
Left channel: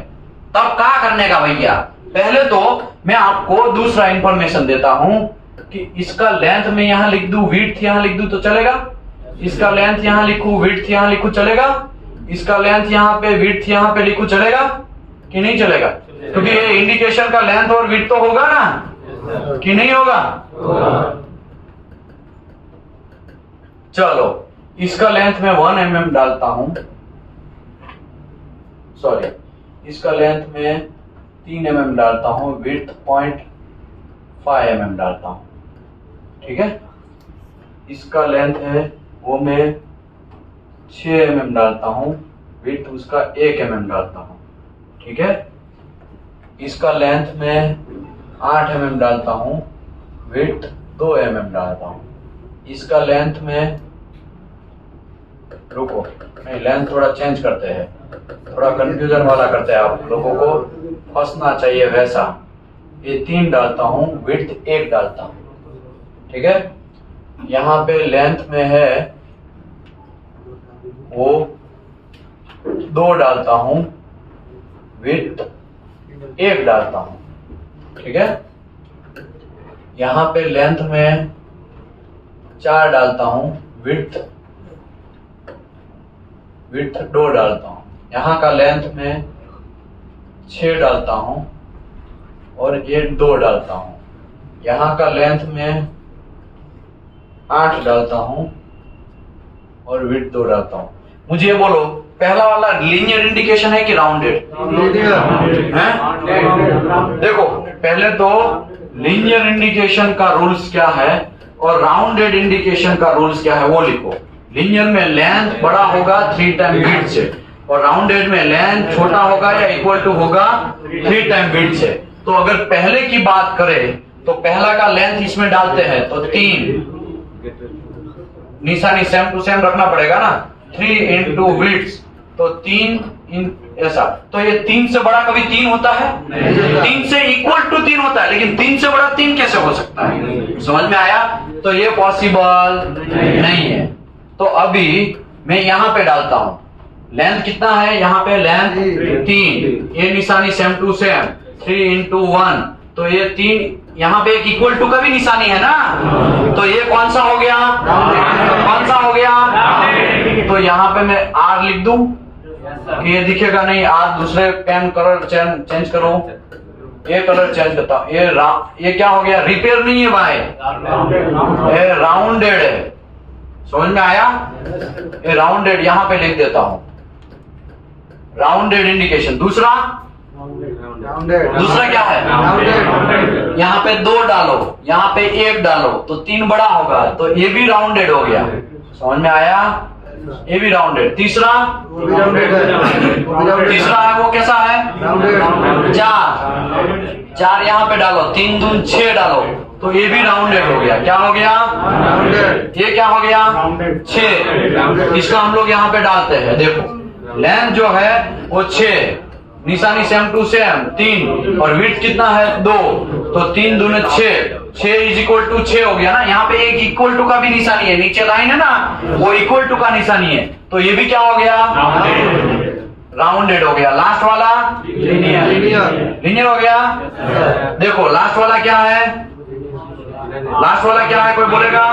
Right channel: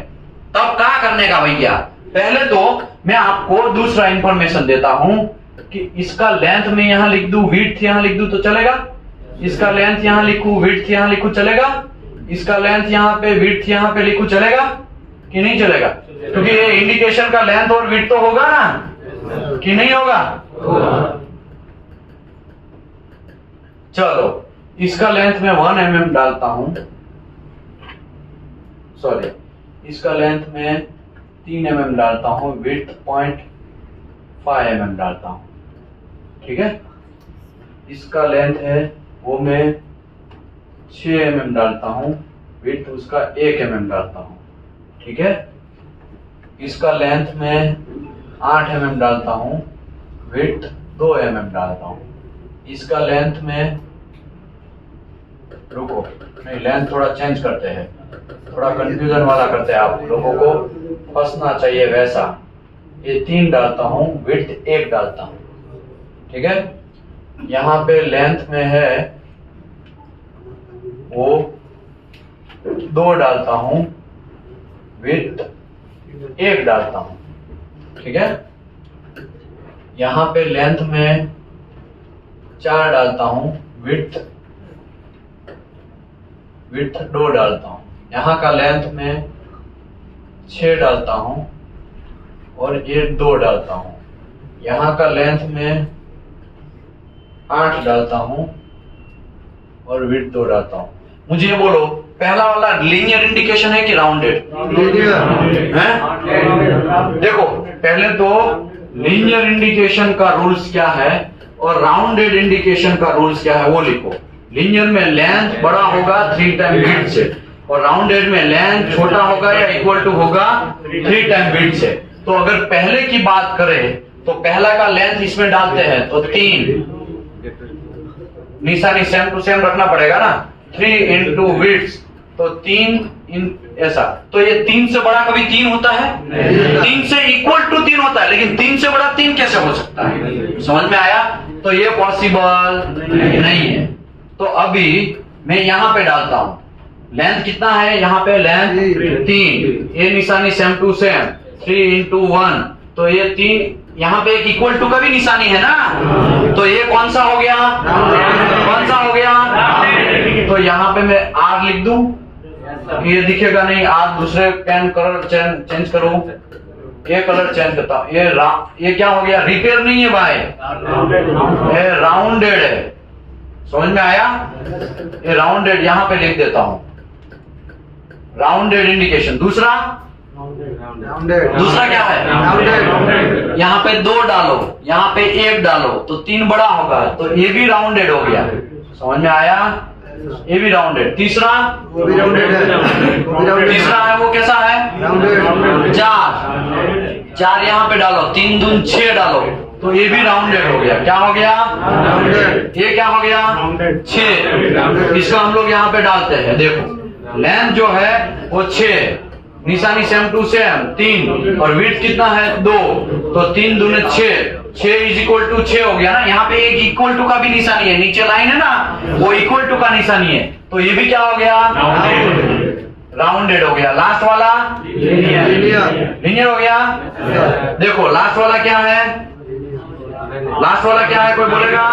तब क्या करने का भैया? पहले तो मैं आपको दूसरा इंफॉर्मेशन देता हूं कि इसका लेंथ में यहां लिख दूं, विड्थ यहां लिख दूं तो चलेगा? इसका लेंथ यहां लिखूं, विड्थ यहां लिखूं, चलेगा? इसका लेंथ यहां पे, विड्थ यहां पे लिखूं, चलेगा कि नहीं चलेगा? क्योंकि ये इंडिकेशन का लेंथ और विड्थ तो होगा ना, कि नहीं होगा? चलो इसका लेंथ में 1 mm डालता हूं, सॉरी इसका लेंथ में 3 mm डालता हूं, विड्थ 0.5 mm डालता हूं, ठीक है? इसका लेंथ है वो मैं 6 mm डालता हूं, विड्थ उसका 1 mm डालता हूं, ठीक है? इसका लेंथ में 8 mm डालता हूं, विड्थ 2 mm डालता हूं। इसका लेंथ में, रुको नहीं, लेंथ थोड़ा चेंज करते हैं, थोड़ा कंफ्यूजन वाला करते हैं, आप लोगों को फंसना चाहिए वैसा। ये 3 डालता हूं, विड्थ 1 डालता हूं, ठीक है? यहां पे लेंथ में है वो 2 डालता हूं, विड्थ 1 डालता हूं, ठीक है? यहां पे लेंथ में 4 डालता हूं, विड्थ 2 डालता हूं। यहां का लेंथ में 6 डालता हूं और ये 2 डालता हूं। यहां का लेंथ में 8 डालता हूं और विड्थ 2 डालता हूं। मुझे ये बोलो, पहला वाला लीनियर इंडिकेशन है कि राउंडेड है? देखो पहले तो लीनियर इंडिकेशन का रूल्स क्या है और राउंडेड इंडिकेशन का रूल्स क्या है वो लिखो। लीनियर में लेंथ बड़ा होगा 3 टाइम विड्थ से और राउंडेड में लेंथ छोटा होगा या इक्वल टू होगा 3 टाइम विड्थ से। तो अगर पहले की बात करें तो पहला का लेंथ इसमें डालते हैं तो 3, निशानी सेम टू सेम रखना पड़ेगा ना, 3 इंटू विड्थ तो 3 ऐसा। तो ये 3 से बड़ा कभी 3 होता है? 3 से इक्वल टू 3 होता है, लेकिन 3 से बड़ा 3 कैसे हो सकता है? समझ में आया? तो ये पॉसिबल नहीं है। तो अभी मैं यहां पे डालता हूं, लेंथ कितना है? यहां पे लेंथ 3, ये निशानी सेम टू सेम, 3 इंटू 1 तो ये 3, यहां पे एक इक्वल टू का भी निशानी है ना, तो ये कौन सा हो गया? कौन सा हो गया? तो यहां पे मैं R लिख दूं, ये दिखेगा नहीं, R दूसरे पेन कलर चेंज करो, ये कलर चेंज करता हूं। ये क्या हो गया? रिपेयर नहीं है भाई, ये राउंडेड है। समझ में आया? ये राउंडेड यहां पे लिख देता हूं, राउंडेड इंडिकेशन। दूसरा राउंडेड दूसरा क्या है? राउंडेड यहाँ पे 2 डालो, यहाँ पे 1 डालो तो 3 बड़ा होगा, तो ये भी राउंडेड हो गया। समझ में आया? ये भी राउंडेड। तीसरा, वो भी राउंडेड है, वो भी राउंडेड तीसरा है वो कैसा है? राउंडेड 4 यहाँ पे डालो, 3 दून 6 डालो तो ये भी राउंडेड हो गया। क्या हो गया? राउंडेड ये क्या हो गया? 6। इसको हम लोग यहाँ पे डालते हैं, देखो लेंथ जो है वो 6, निशानी सेम टू सेम 3, और विड्थ कितना है? 2, तो 3 दूने 6, 6 इज इक्वल टू 6 हो गया ना। यहाँ पे एक इक्वल टू का भी निशानी है, नीचे लाइन है ना, वो इक्वल टू का निशानी है, तो ये भी क्या हो गया? राउंडेड हो गया। लास्ट वाला लीनियर हो गया। देखो लास्ट वाला क्या है? लास्ट वाला क्या है, कोई बोलेगा?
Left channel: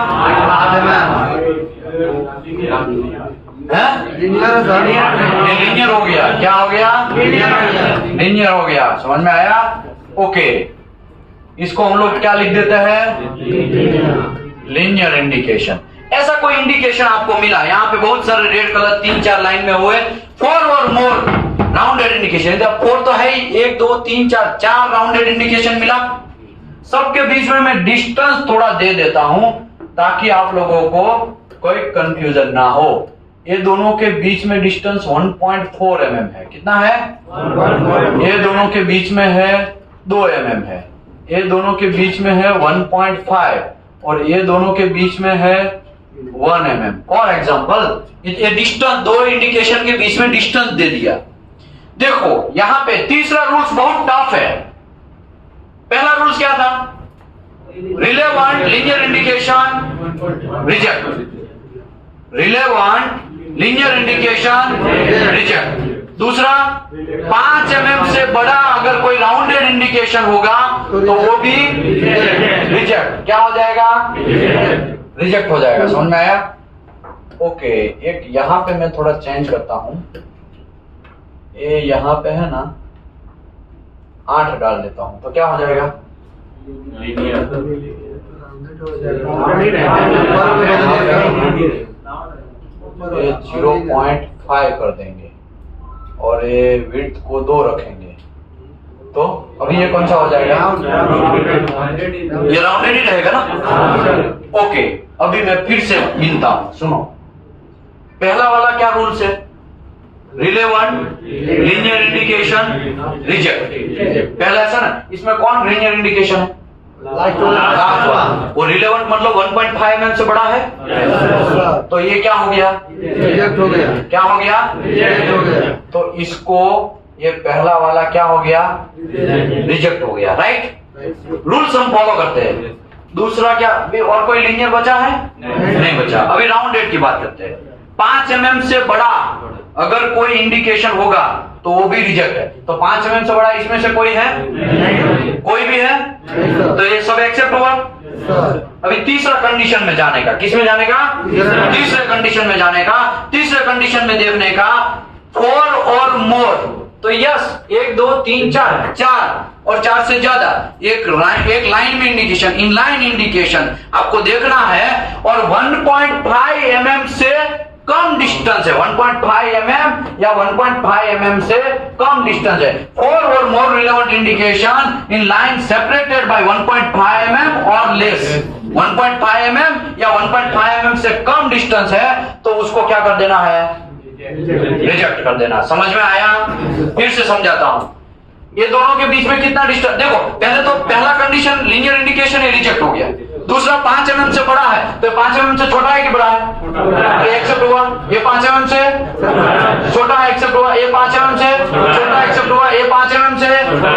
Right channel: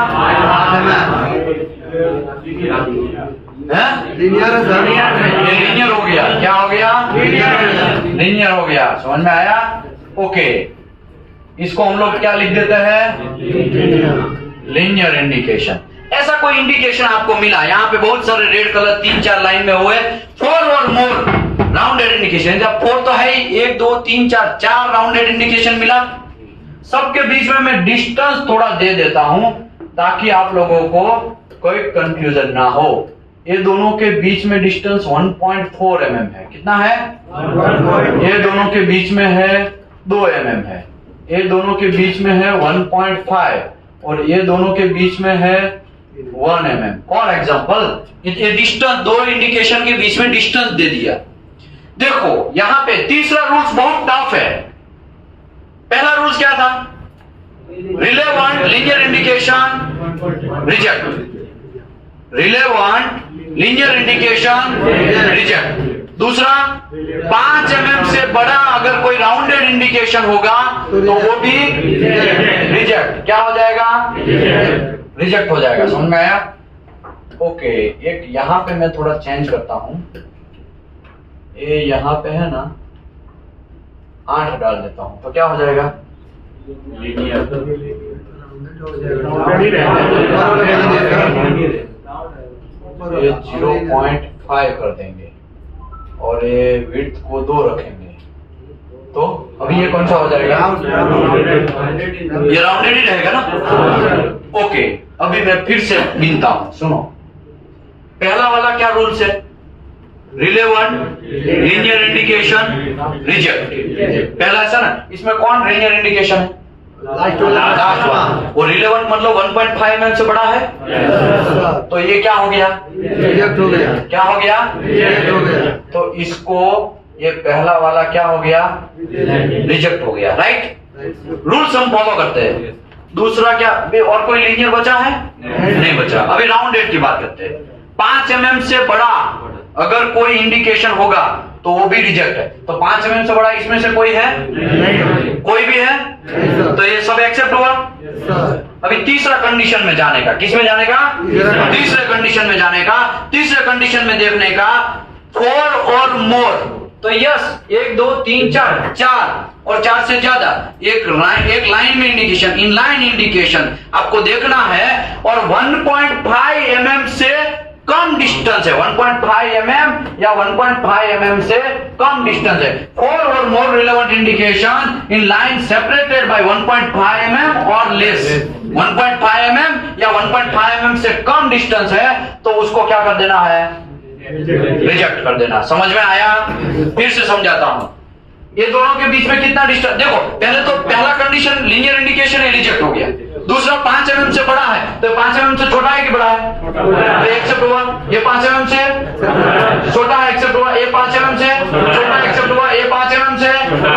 लीनियर है सर, ये लीनियर हो गया। क्या हो गया? लीनियर हो गया। समझ में आया? ओके, इसको हम लोग क्या लिख देते हैं? Linear indication. ऐसा कोई इंडिकेशन आपको मिला, यहाँ पे बहुत सारे रेड कलर 3-4 लाइन में हुए, 4 और मोर राउंडेड इंडिकेशन। 4 तो है ही, 1 2 3 4 राउंडेड इंडिकेशन मिला। सबके बीच में मैं डिस्टेंस थोड़ा दे देता हूं ताकि आप लोगों को कोई कंफ्यूजन ना हो। ये दोनों के बीच में डिस्टेंस 1.4 mm है। कितना है? ये दोनों के बीच में है 2 mm है। ये दोनों के बीच में है 1.5, और ये दोनों के बीच में है 1 mm। फॉर एग्जाम्पल ये डिस्टेंस, 2 इंडिकेशन के बीच में डिस्टेंस दे दिया। देखो यहां पे तीसरा रूल्स बहुत टफ है। पहला रूल्स क्या था? Relevant linear indication reject, relevant linear indication reject. दूसरा, 5 mm से बड़ा अगर कोई राउंडेड इंडिकेशन होगा तो वो भी रिजेक्ट। क्या हो जाएगा? रिजेक्ट हो जाएगा। समझ में आया? ओके, एक यहां पे मैं थोड़ा चेंज करता हूं, ये यहां पे है ना 8 डाल देता हूं, तो क्या हो जाएगा? ये 0.5 कर देंगे और ये विड्थ को 2 रखेंगे, तो अभी ये कौन सा हो जाएगा? ये राउंडेड ही रहेगा ना। ओके, अभी मैं फिर से गिनता हूं, सुनो। पहला वाला क्या रूल्स है? Relevant linear indication reject. पहला ऐसा ना, इसमें कौन लीनियर इंडिकेशन है? लास्ट वाला। वो रिलेवेंट मतलब 1.5 mm से बड़ा है, तो ये क्या हो गया? रिजेक्ट हो गया। क्या हो गया? रिजेक्ट हो गया। तो इसको ये पहला वाला क्या हो गया? रिजेक्ट हो गया। राइट, रूल्स हम फॉलो करते हैं। दूसरा क्या, और कोई लीनियर बचा है? नहीं बचा। अभी राउंडेड की बात करते हैं। 5 mm से बड़ा अगर कोई इंडिकेशन होगा तो वो भी रिजेक्ट है। तो 5 mm से बड़ा इसमें से कोई है? कोई भी है? तो ये सब एक्सेप्ट हुआ। अभी तीसरा कंडीशन में जाने का, किस में जाने का? तीसरे कंडीशन में जाने का। तीसरे कंडीशन में देखने का 4 और मोर, तो यस 1 2 3 4 और 4 से ज्यादा एक लाइन में इंडिकेशन, इन लाइन इंडिकेशन आपको देखना है, और 1.5 mm से कम डिस्टेंस है। 1.5 mm या 1.5 mm से कम डिस्टेंस है। 4 or more relevant indication in line separated by 1.5 mm or less. 1.5 mm या 1.5 mm से कम डिस्टेंस है तो उसको क्या कर देना है? रिजेक्ट कर देना। समझ में आया? फिर से समझाता हूं। ये दोनों के बीच में कितना डिस्टेंस, देखो पहले तो पहला कंडीशन लीनियर इंडिकेशन है, रिजेक्ट हो गया। दूसरा 5 mm से बड़ा है, तो 5 mm से छोटा है कि बड़ा है? तो एक्सेप्ट हुआ। ये 5 mm से छोटा है, एक्सेप्ट हुआ। ये 5 mm से छोटा है, एक्सेप्ट हुआ। ये 5 mm से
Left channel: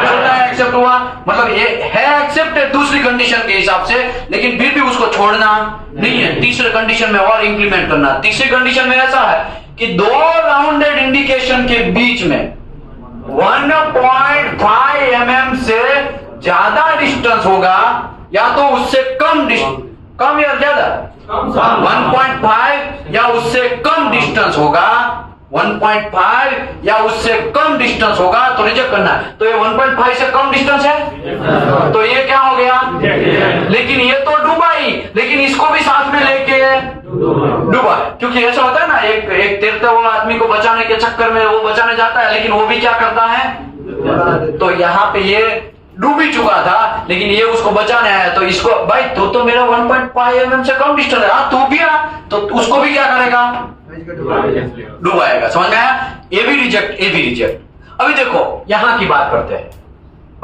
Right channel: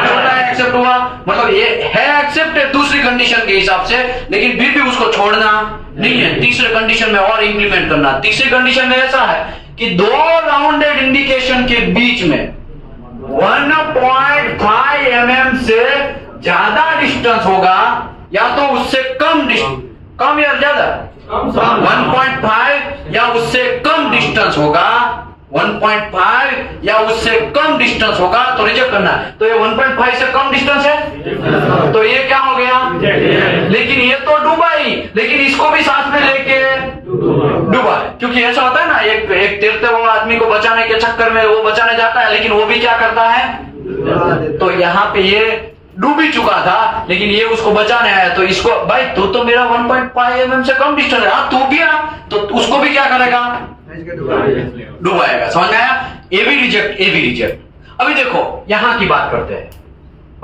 छोटा है, एक्सेप्ट हुआ। मतलब ये है एक्सेप्ट है दूसरी कंडीशन के हिसाब से, लेकिन फिर भी उसको छोड़ना नहीं है, तीसरे कंडीशन में और इंप्लीमेंट करना। तीसरी कंडीशन में ऐसा है कि 2 राउंडेड इंडिकेशन के बीच में 1.5 mm से ज्यादा डिस्टेंस होगा, या तो उससे कम या ज्यादा 1.5 या उससे कम डिस्टेंस होगा, 1.5 या उससे कम डिस्टेंस होगा तो रिजेक्ट करना। तो ये 1.5 से कम डिस्टेंस है, तो ये क्या हो गया? लेकिन ये तो डूबा ही, लेकिन इसको भी साथ में लेके डूबा, क्योंकि ऐसा होता है ना, एक तैरते हुए आदमी को बचाने के चक्कर में वो बचाने जाता है, लेकिन वो भी क्या करता है? तो यहाँ पे ये डूब ही चुका था, लेकिन ये उसको बचाने आया। तो इसको भाई तो मेरा 1.5 mm से कम डिस्टेंस है, तू गया तो उसको भी क्या करेगा, डुबाएगा। समझ में आया? ए भी रिजेक्ट, ए भी रिजेक्ट। अभी देखो यहां की बात करते हैं।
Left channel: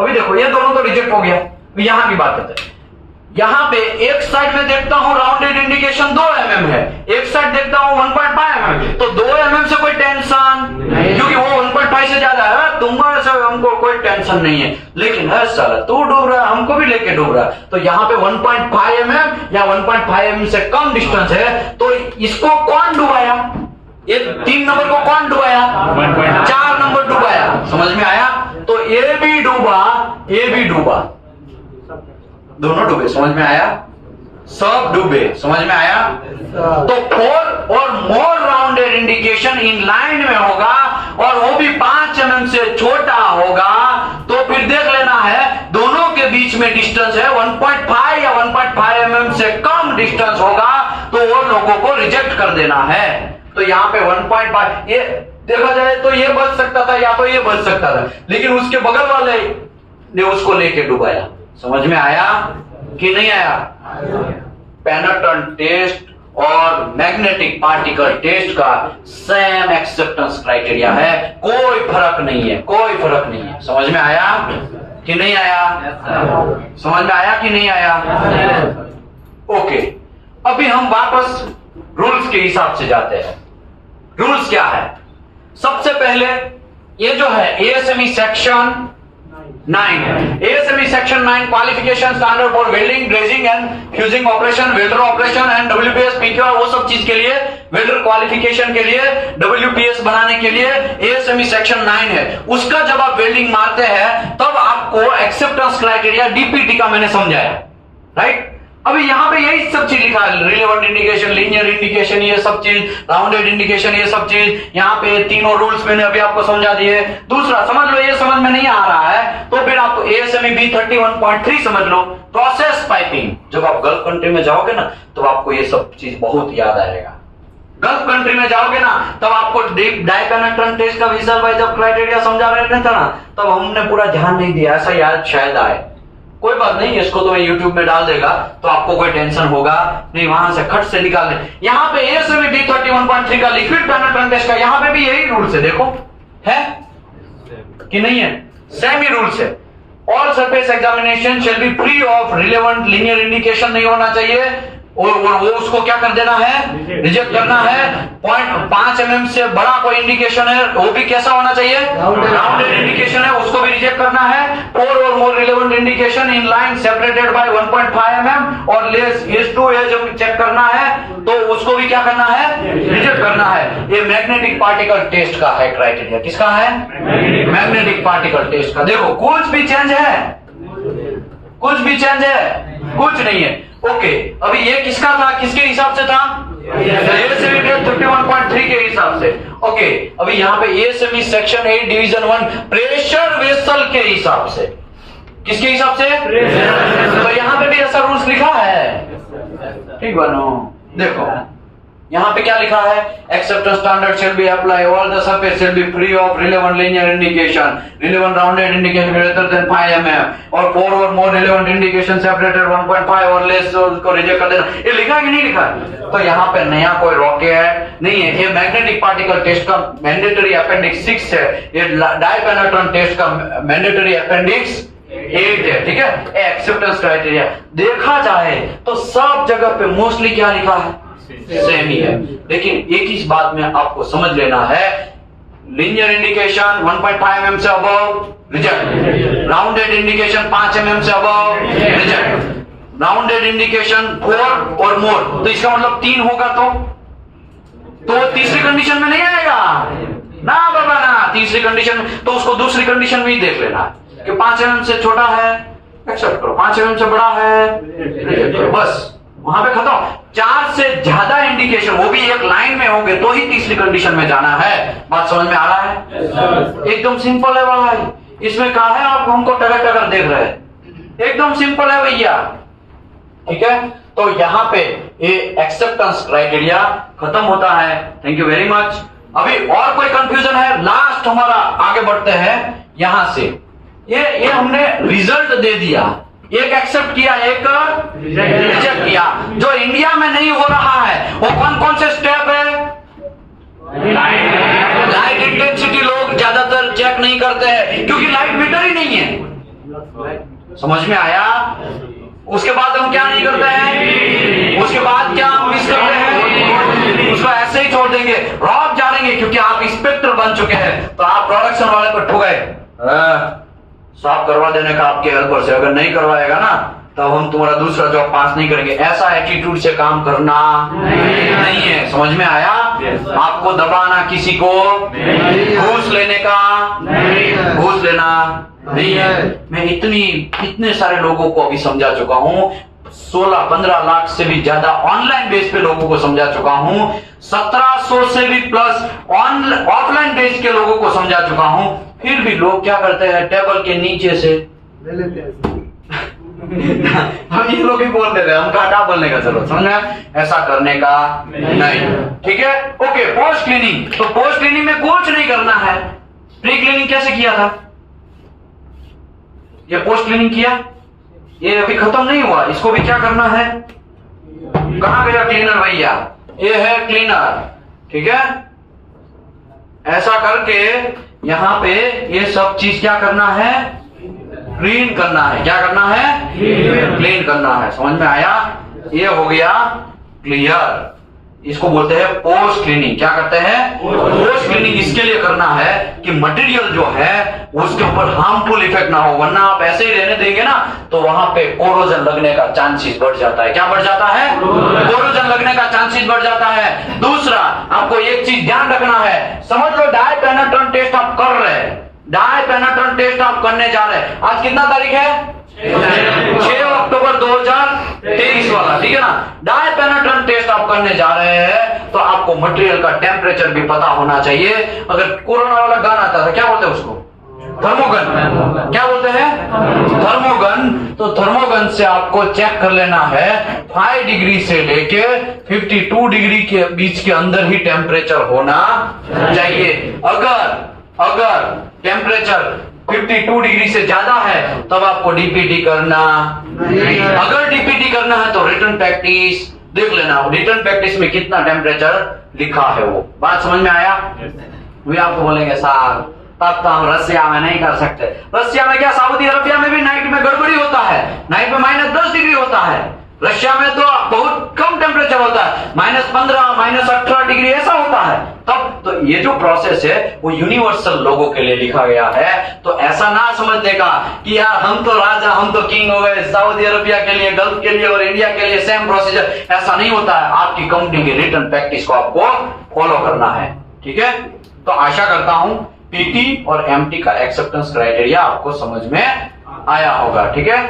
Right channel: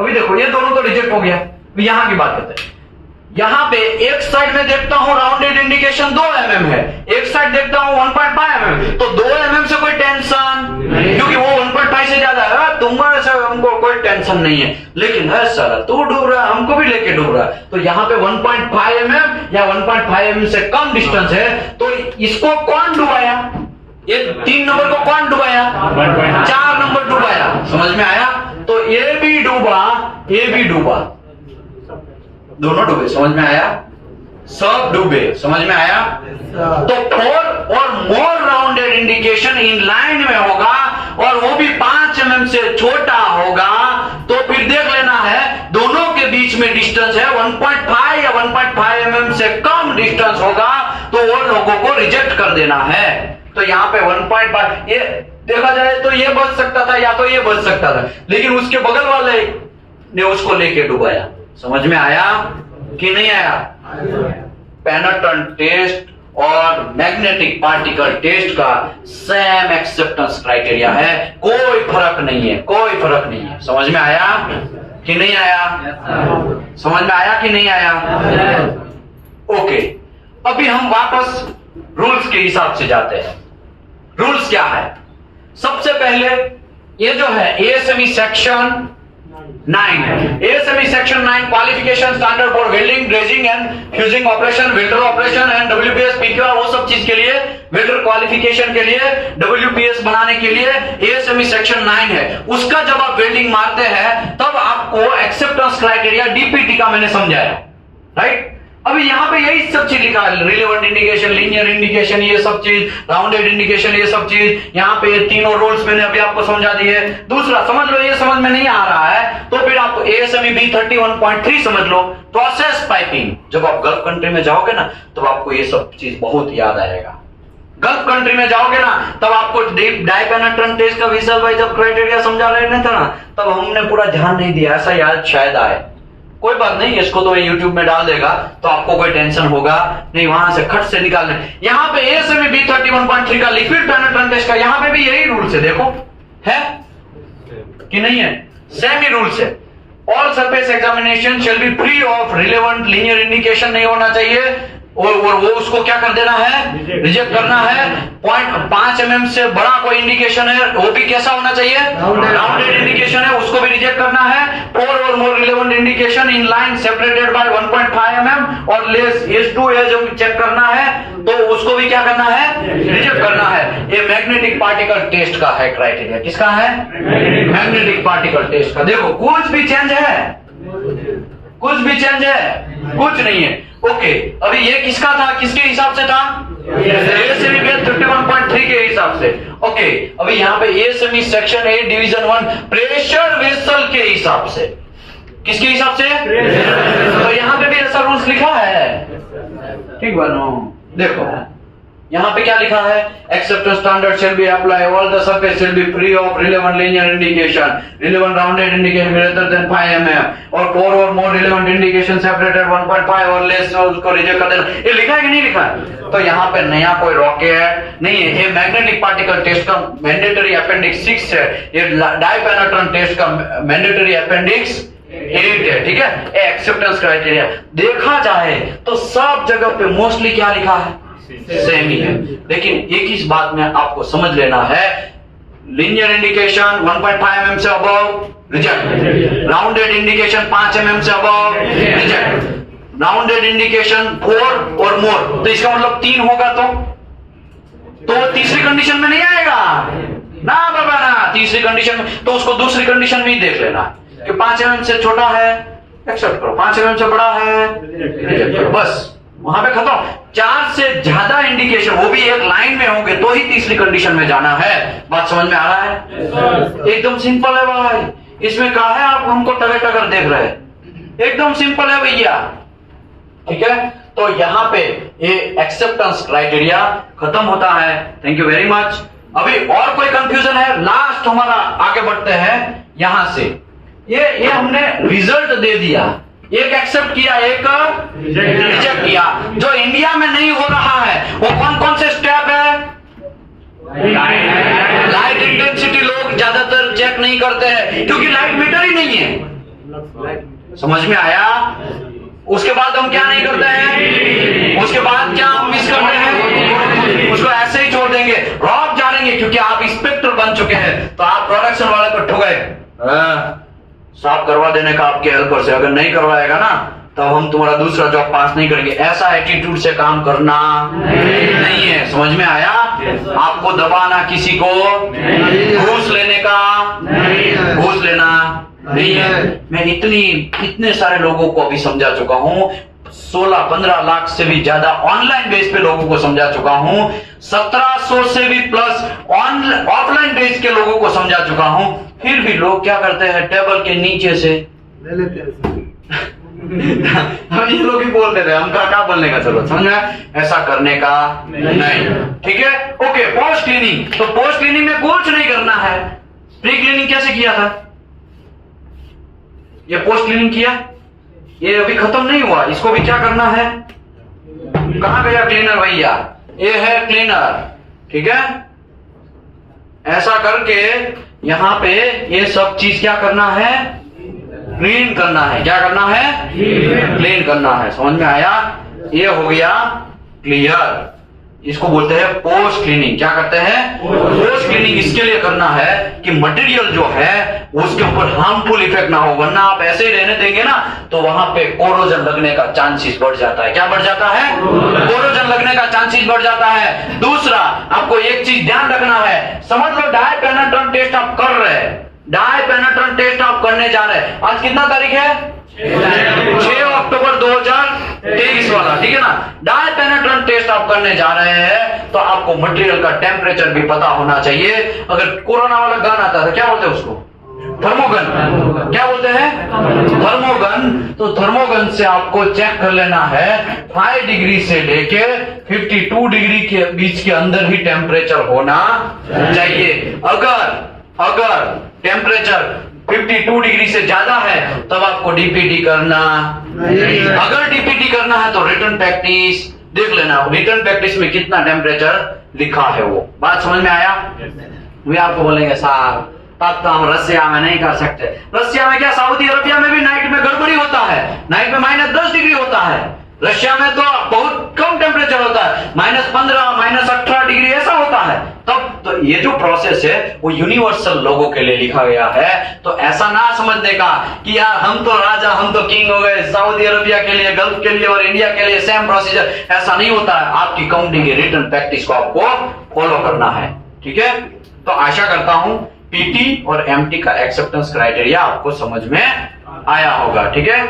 अभी देखो ये दोनों तो रिजेक्ट हो गया, अभी यहां की बात करते हैं। यहां पे एक साइड में देखता हूं राउंडेड इंडिकेशन 2 mm है, एक साइड देखता हूं 1.5 mm, तो 2 mm से कोई टेंशन, क्योंकि वो 1.5 से ज्यादा है। तुम्हारे से हमको कोई टेंशन नहीं है, लेकिन है साला तू डूब रहा है, हमको भी लेके डूब रहा है। तो यहाँ पे 1.5 mm या 1.5 mm से कम डिस्टेंस है, तो इसको कौन डुबाया? ये 3 नंबर को कौन डुबाया? 4 नंबर डुबाया। समझ में आया? तो ये भी डूबा, ये भी डूबा, दोनों डूबे। समझ में आया? सब डूबे। समझ में आया? तो 4 or more rounded indication in line में होगा और वो भी 5 mm से छोटा होगा, तो फिर देख लेना है दोनों के बीच में डिस्टेंस है 1.5 या 1.5 mm से कम डिस्टेंस होगा, तो वो लोगों को रिजेक्ट कर देना है। तो यहाँ पे 1.5 ये देखा जाए तो ये बच सकता था या तो ये बच सकता था, लेकिन उसके बगल वाले ने उसको लेके डुबाया। समझ में आया कि नहीं आया? पेनेट्रेंट टेस्ट और मैग्नेटिक पार्टिकल टेस्ट का सेम एक्सेप्टेंस क्राइटेरिया है, कोई फर्क नहीं है, कोई फर्क नहीं है। समझ में आया कि नहीं आया? समझ में आया कि नहीं आया? ओके, अभी हम वापस रूल्स के हिसाब से जाते हैं। रूल्स क्या है? सबसे पहले ये जो है ASME सेक्शन 9 है। ASME section 9 qualification standard for welding, dredging and fusing operation, welder operation and WPS PQR, वो सब चीज के लिए, वेल्डर क्वालिफिकेशन के लिए, WPS बनाने के लिए ASME सेक्शन 9 है। उसका जब आप वेल्डिंग मारते हैं तब आपको एक्सेप्टेंस क्राइटेरिया DPT का मैंने समझाया, राइट? अभी यहाँ पे यही सब चीज लिखा है, रिलेवेंट इंडिकेशन, लीनियर इंडिकेशन, ये सब चीज, राउंडेड इंडिकेशन, ये सब चीज। यहाँ पे तीनों रूल्स मैंने अभी आपको समझा दिए। दूसरा समझ लो, ये समझ में नहीं आ रहा है तो फिर आप ASME B31.3 समझ लो, प्रोसेस पाइपिंग। जब आप गल्फ कंट्री में जाओगे ना तो आपको ये सब चीज बहुत याद आएगा। गल्फ कंट्री में जाओगे ना तब आपको डाइपेनेट्रेंट टेस्ट का विशल भाई जब क्राइटेरिया समझा रहे थे ना, तब हमने पूरा ध्यान नहीं दिया, ऐसा याद शायद आए। कोई बात नहीं, इसको तो YouTube में डाल देगा तो आपको कोई टेंशन होगा नहीं, वहां से खट से निकालने। यहाँ पे ASME B31.3 का लिक्विड पेनेट्रेंट टेस्ट का यहाँ पे भी यही रूल्स है, देखो है कि नहीं है? सेम ही रूल्स है। All surface examination shall be free of relevant linear indication, नहीं होना चाहिए, और वो उसको क्या कर देना है? रिजेक्ट करना है। 0.5 mm से बड़ा कोई इंडिकेशन है वो भी कैसा होना चाहिए? राउंडेड इंडिकेशन है, उसको भी रिजेक्ट करना है। 4 or more relevant indication in line separated by 1.5 mm or less edge to edge check करना है, तो उसको भी क्या करना है? रिजेक्ट करना है। ये मैग्नेटिक पार्टिकल टेस्ट का है क्राइटेरिया। किसका है? मैग्नेटिक पार्टिकल टेस्ट का। देखो कुछ भी चेंज है? कुछ भी चेंज है? कुछ नहीं है। ओके, अभी ये किसका था? किसके हिसाब से था? ASME 31.3 के हिसाब से। ओके, अभी यहाँ पे ASME section 8 division 1 pressure vessel के हिसाब से। किसके हिसाब से? तो यहाँ पे भी ऐसा रूल्स लिखा है, ठीक बनो। देखो यहाँ पे क्या लिखा है? Acceptance standard shall be apply, all the surface shall be free of relevant linear indication, relevant rounded indication greater than 5 mm और 4 or more relevant indication separated 1.5 और लेस, उसको रिजेक्ट कर देना। ये लिखा है कि नहीं लिखा? तो यहाँ पे नया कोई रॉकेट नहीं है। ये मैग्नेटिक पार्टिकल टेस्ट का मैंडेटरी अपेंडिक्स 6 है, ये डाइपेनेट्रेंट टेस्ट का मैंडेटरी अपेंडिक्स 8 है, ठीक है? एक्सेप्टेंस क्राइटेरिया देखा जाए तो सब जगह पे मोस्टली क्या लिखा है? सेम ही है। लेकिन एक ही बात में आपको समझ लेना है, लीनियर इंडिकेशन 1.5 mm से above reject, rounded indication 5 mm से above reject, rounded indication 4 or मोर, तो इसका मतलब 3 होगा तो तीसरी कंडीशन में नहीं आएगा ना बाबा ना। तीसरी कंडीशन में तो उसको दूसरी कंडीशन में ही देख लेना कि 5 mm से छोटा है एक्सेप्ट करो, 5 mm से बड़ा है रिजेक्ट करो, बस वहां पे खत्म। 4 से ज्यादा इंडिकेशन वो भी एक लाइन में होंगे तो ही तीसरी कंडीशन में जाना है। बात समझ में आ रहा है? एकदम सिंपल है भाई, इसमें कहा है आप हमको टगर टगर देख रहे हैं, एकदम सिंपल है भैया, ठीक है? तो यहाँ पे ये एक्सेप्टेंस क्राइटेरिया खत्म होता है। Thank you very much. अभी और कोई कंफ्यूजन है? लास्ट हमारा आगे बढ़ते हैं। यहां से ये हमने रिजल्ट दे दिया, एक एक्सेप्ट किया, एक रिजेक्ट किया। जो इंडिया में नहीं हो रहा है वो कौन कौन से स्टेप है? लाइट इंटेंसिटी लोग ज्यादातर चेक नहीं करते हैं क्योंकि लाइट मीटर ही नहीं है। समझ में आया? उसके बाद हम क्या नहीं करते हैं? उसके बाद क्या हम मिस करते हैं? उसको ऐसे ही छोड़ देंगे, रॉक जानेंगे क्योंकि आप इंस्पेक्टर बन चुके हैं। तो आप प्रोडक्शन वाले को ठुकाए साफ करवा देने का आपके हेल्पर से, अगर नहीं करवाएगा ना तब हम तुम्हारा दूसरा जॉब पास नहीं करेंगे। ऐसा एटीट्यूड से काम करना नहीं है। समझ में आया? आपको दबाना, किसी को घूस लेने का, घूस लेना नहीं है। मैं इतने सारे लोगों को अभी समझा चुका हूं, 16-15 लाख से भी ज्यादा ऑनलाइन बेस पे लोगों को समझा चुका हूं, 1700 से भी प्लस ऑफलाइन बेस के लोगों को समझा चुका हूं। फिर भी लोग क्या करते हैं? टेबल के नीचे से ले लेते हैं। हम ये लोग ही बोल रहे थे, हमका क्या बोलने का जरूरत? समझ में? ऐसा करने का नहीं। ठीक है, ओके। पोस्ट क्लीनिंग, तो पोस्ट क्लीनिंग में कुछ नहीं करना है। प्री क्लीनिंग कैसे किया था? ये पोस्ट क्लीनिंग किया, ये अभी खत्म नहीं हुआ, इसको भी क्या करना है? कहां गया क्लीनर भैया? ये है क्लीनर। ठीक है, ऐसा करके यहां पे ये सब चीज क्या करना है? क्लीन करना है। क्या करना है? क्लीन करना है। समझ में आया? ये हो गया क्लियर। इसको बोलते हैं पोस्ट क्लीनिंग। क्या करते हैं? पोस्ट क्लीनिंग इसके लिए करना है कि मटेरियल जो है उसके ऊपर हार्मफुल इफेक्ट ना हो, वरना आप ऐसे ही रहने देंगे ना तो वहां पे कोरोजन लगने का चांसेस बढ़ जाता है। क्या बढ़ जाता है? कोरोजन लगने का चांसेस बढ़ जाता है। दूसरा, आपको एक चीज ध्यान रखना है, समझ लो डाई पेनिट्रेंट टेस्ट आप कर रहे हैं, डाई पेनिट्रेंट टेस्ट आप करने जा रहे हैं। आज कितना तारीख है? 6 अक्टूबर 2023 वाला। ठीक है ना? डाई पेनिट्रेंट टेस्ट आप करने जा रहे हैं तो आपको मटेरियल का टेम्परेचर भी पता होना चाहिए। अगर कोरोना वाला गन आता था, क्या बोलते हैं उसको? थर्मोगन। क्या बोलते हैं? थर्मोगन। तो थर्मोगन से आपको चेक कर लेना है 5 डिग्री से लेके 52 डिग्री के बीच के अंदर ही टेम्परेचर होना चाहिए। अगर टेम्परेचर 52 डिग्री से ज्यादा है तब आपको डीपीटी करना। अगर डीपीटी करना है तो रिटर्न प्रैक्टिस देख लेना, रिटर्न प्रैक्टिस में कितना टेम्परेचर लिखा है वो। बात समझ में आया? वे आपको बोलेंगे साहब तब तो हम रसिया में नहीं कर सकते। रसिया में क्या, सऊदी अरबिया में भी नाइट में गड़बड़ी होता है, नाइट में -10 डिग्री होता है। रशिया में तो बहुत कम टेम्परेचर होता है, -15, -18 डिग्री ऐसा होता है। तब तो ये जो प्रोसेस है वो यूनिवर्सल लोगों के लिए लिखा गया है। तो ऐसा ना समझने का कि यार हम तो राजा, हम तो किंग हो गए, सऊदी अरबिया के लिए, गल्फ के लिए और इंडिया के लिए सेम प्रोसीजर, ऐसा नहीं होता है। आपकी कंपनी की रिटर्न प्रैक्टिस को आपको फॉलो करना है। ठीक है, तो आशा करता हूं पीटी और एमटी का एक्सेप्टेंस क्राइटेरिया आपको समझ में आया होगा। ठीक है।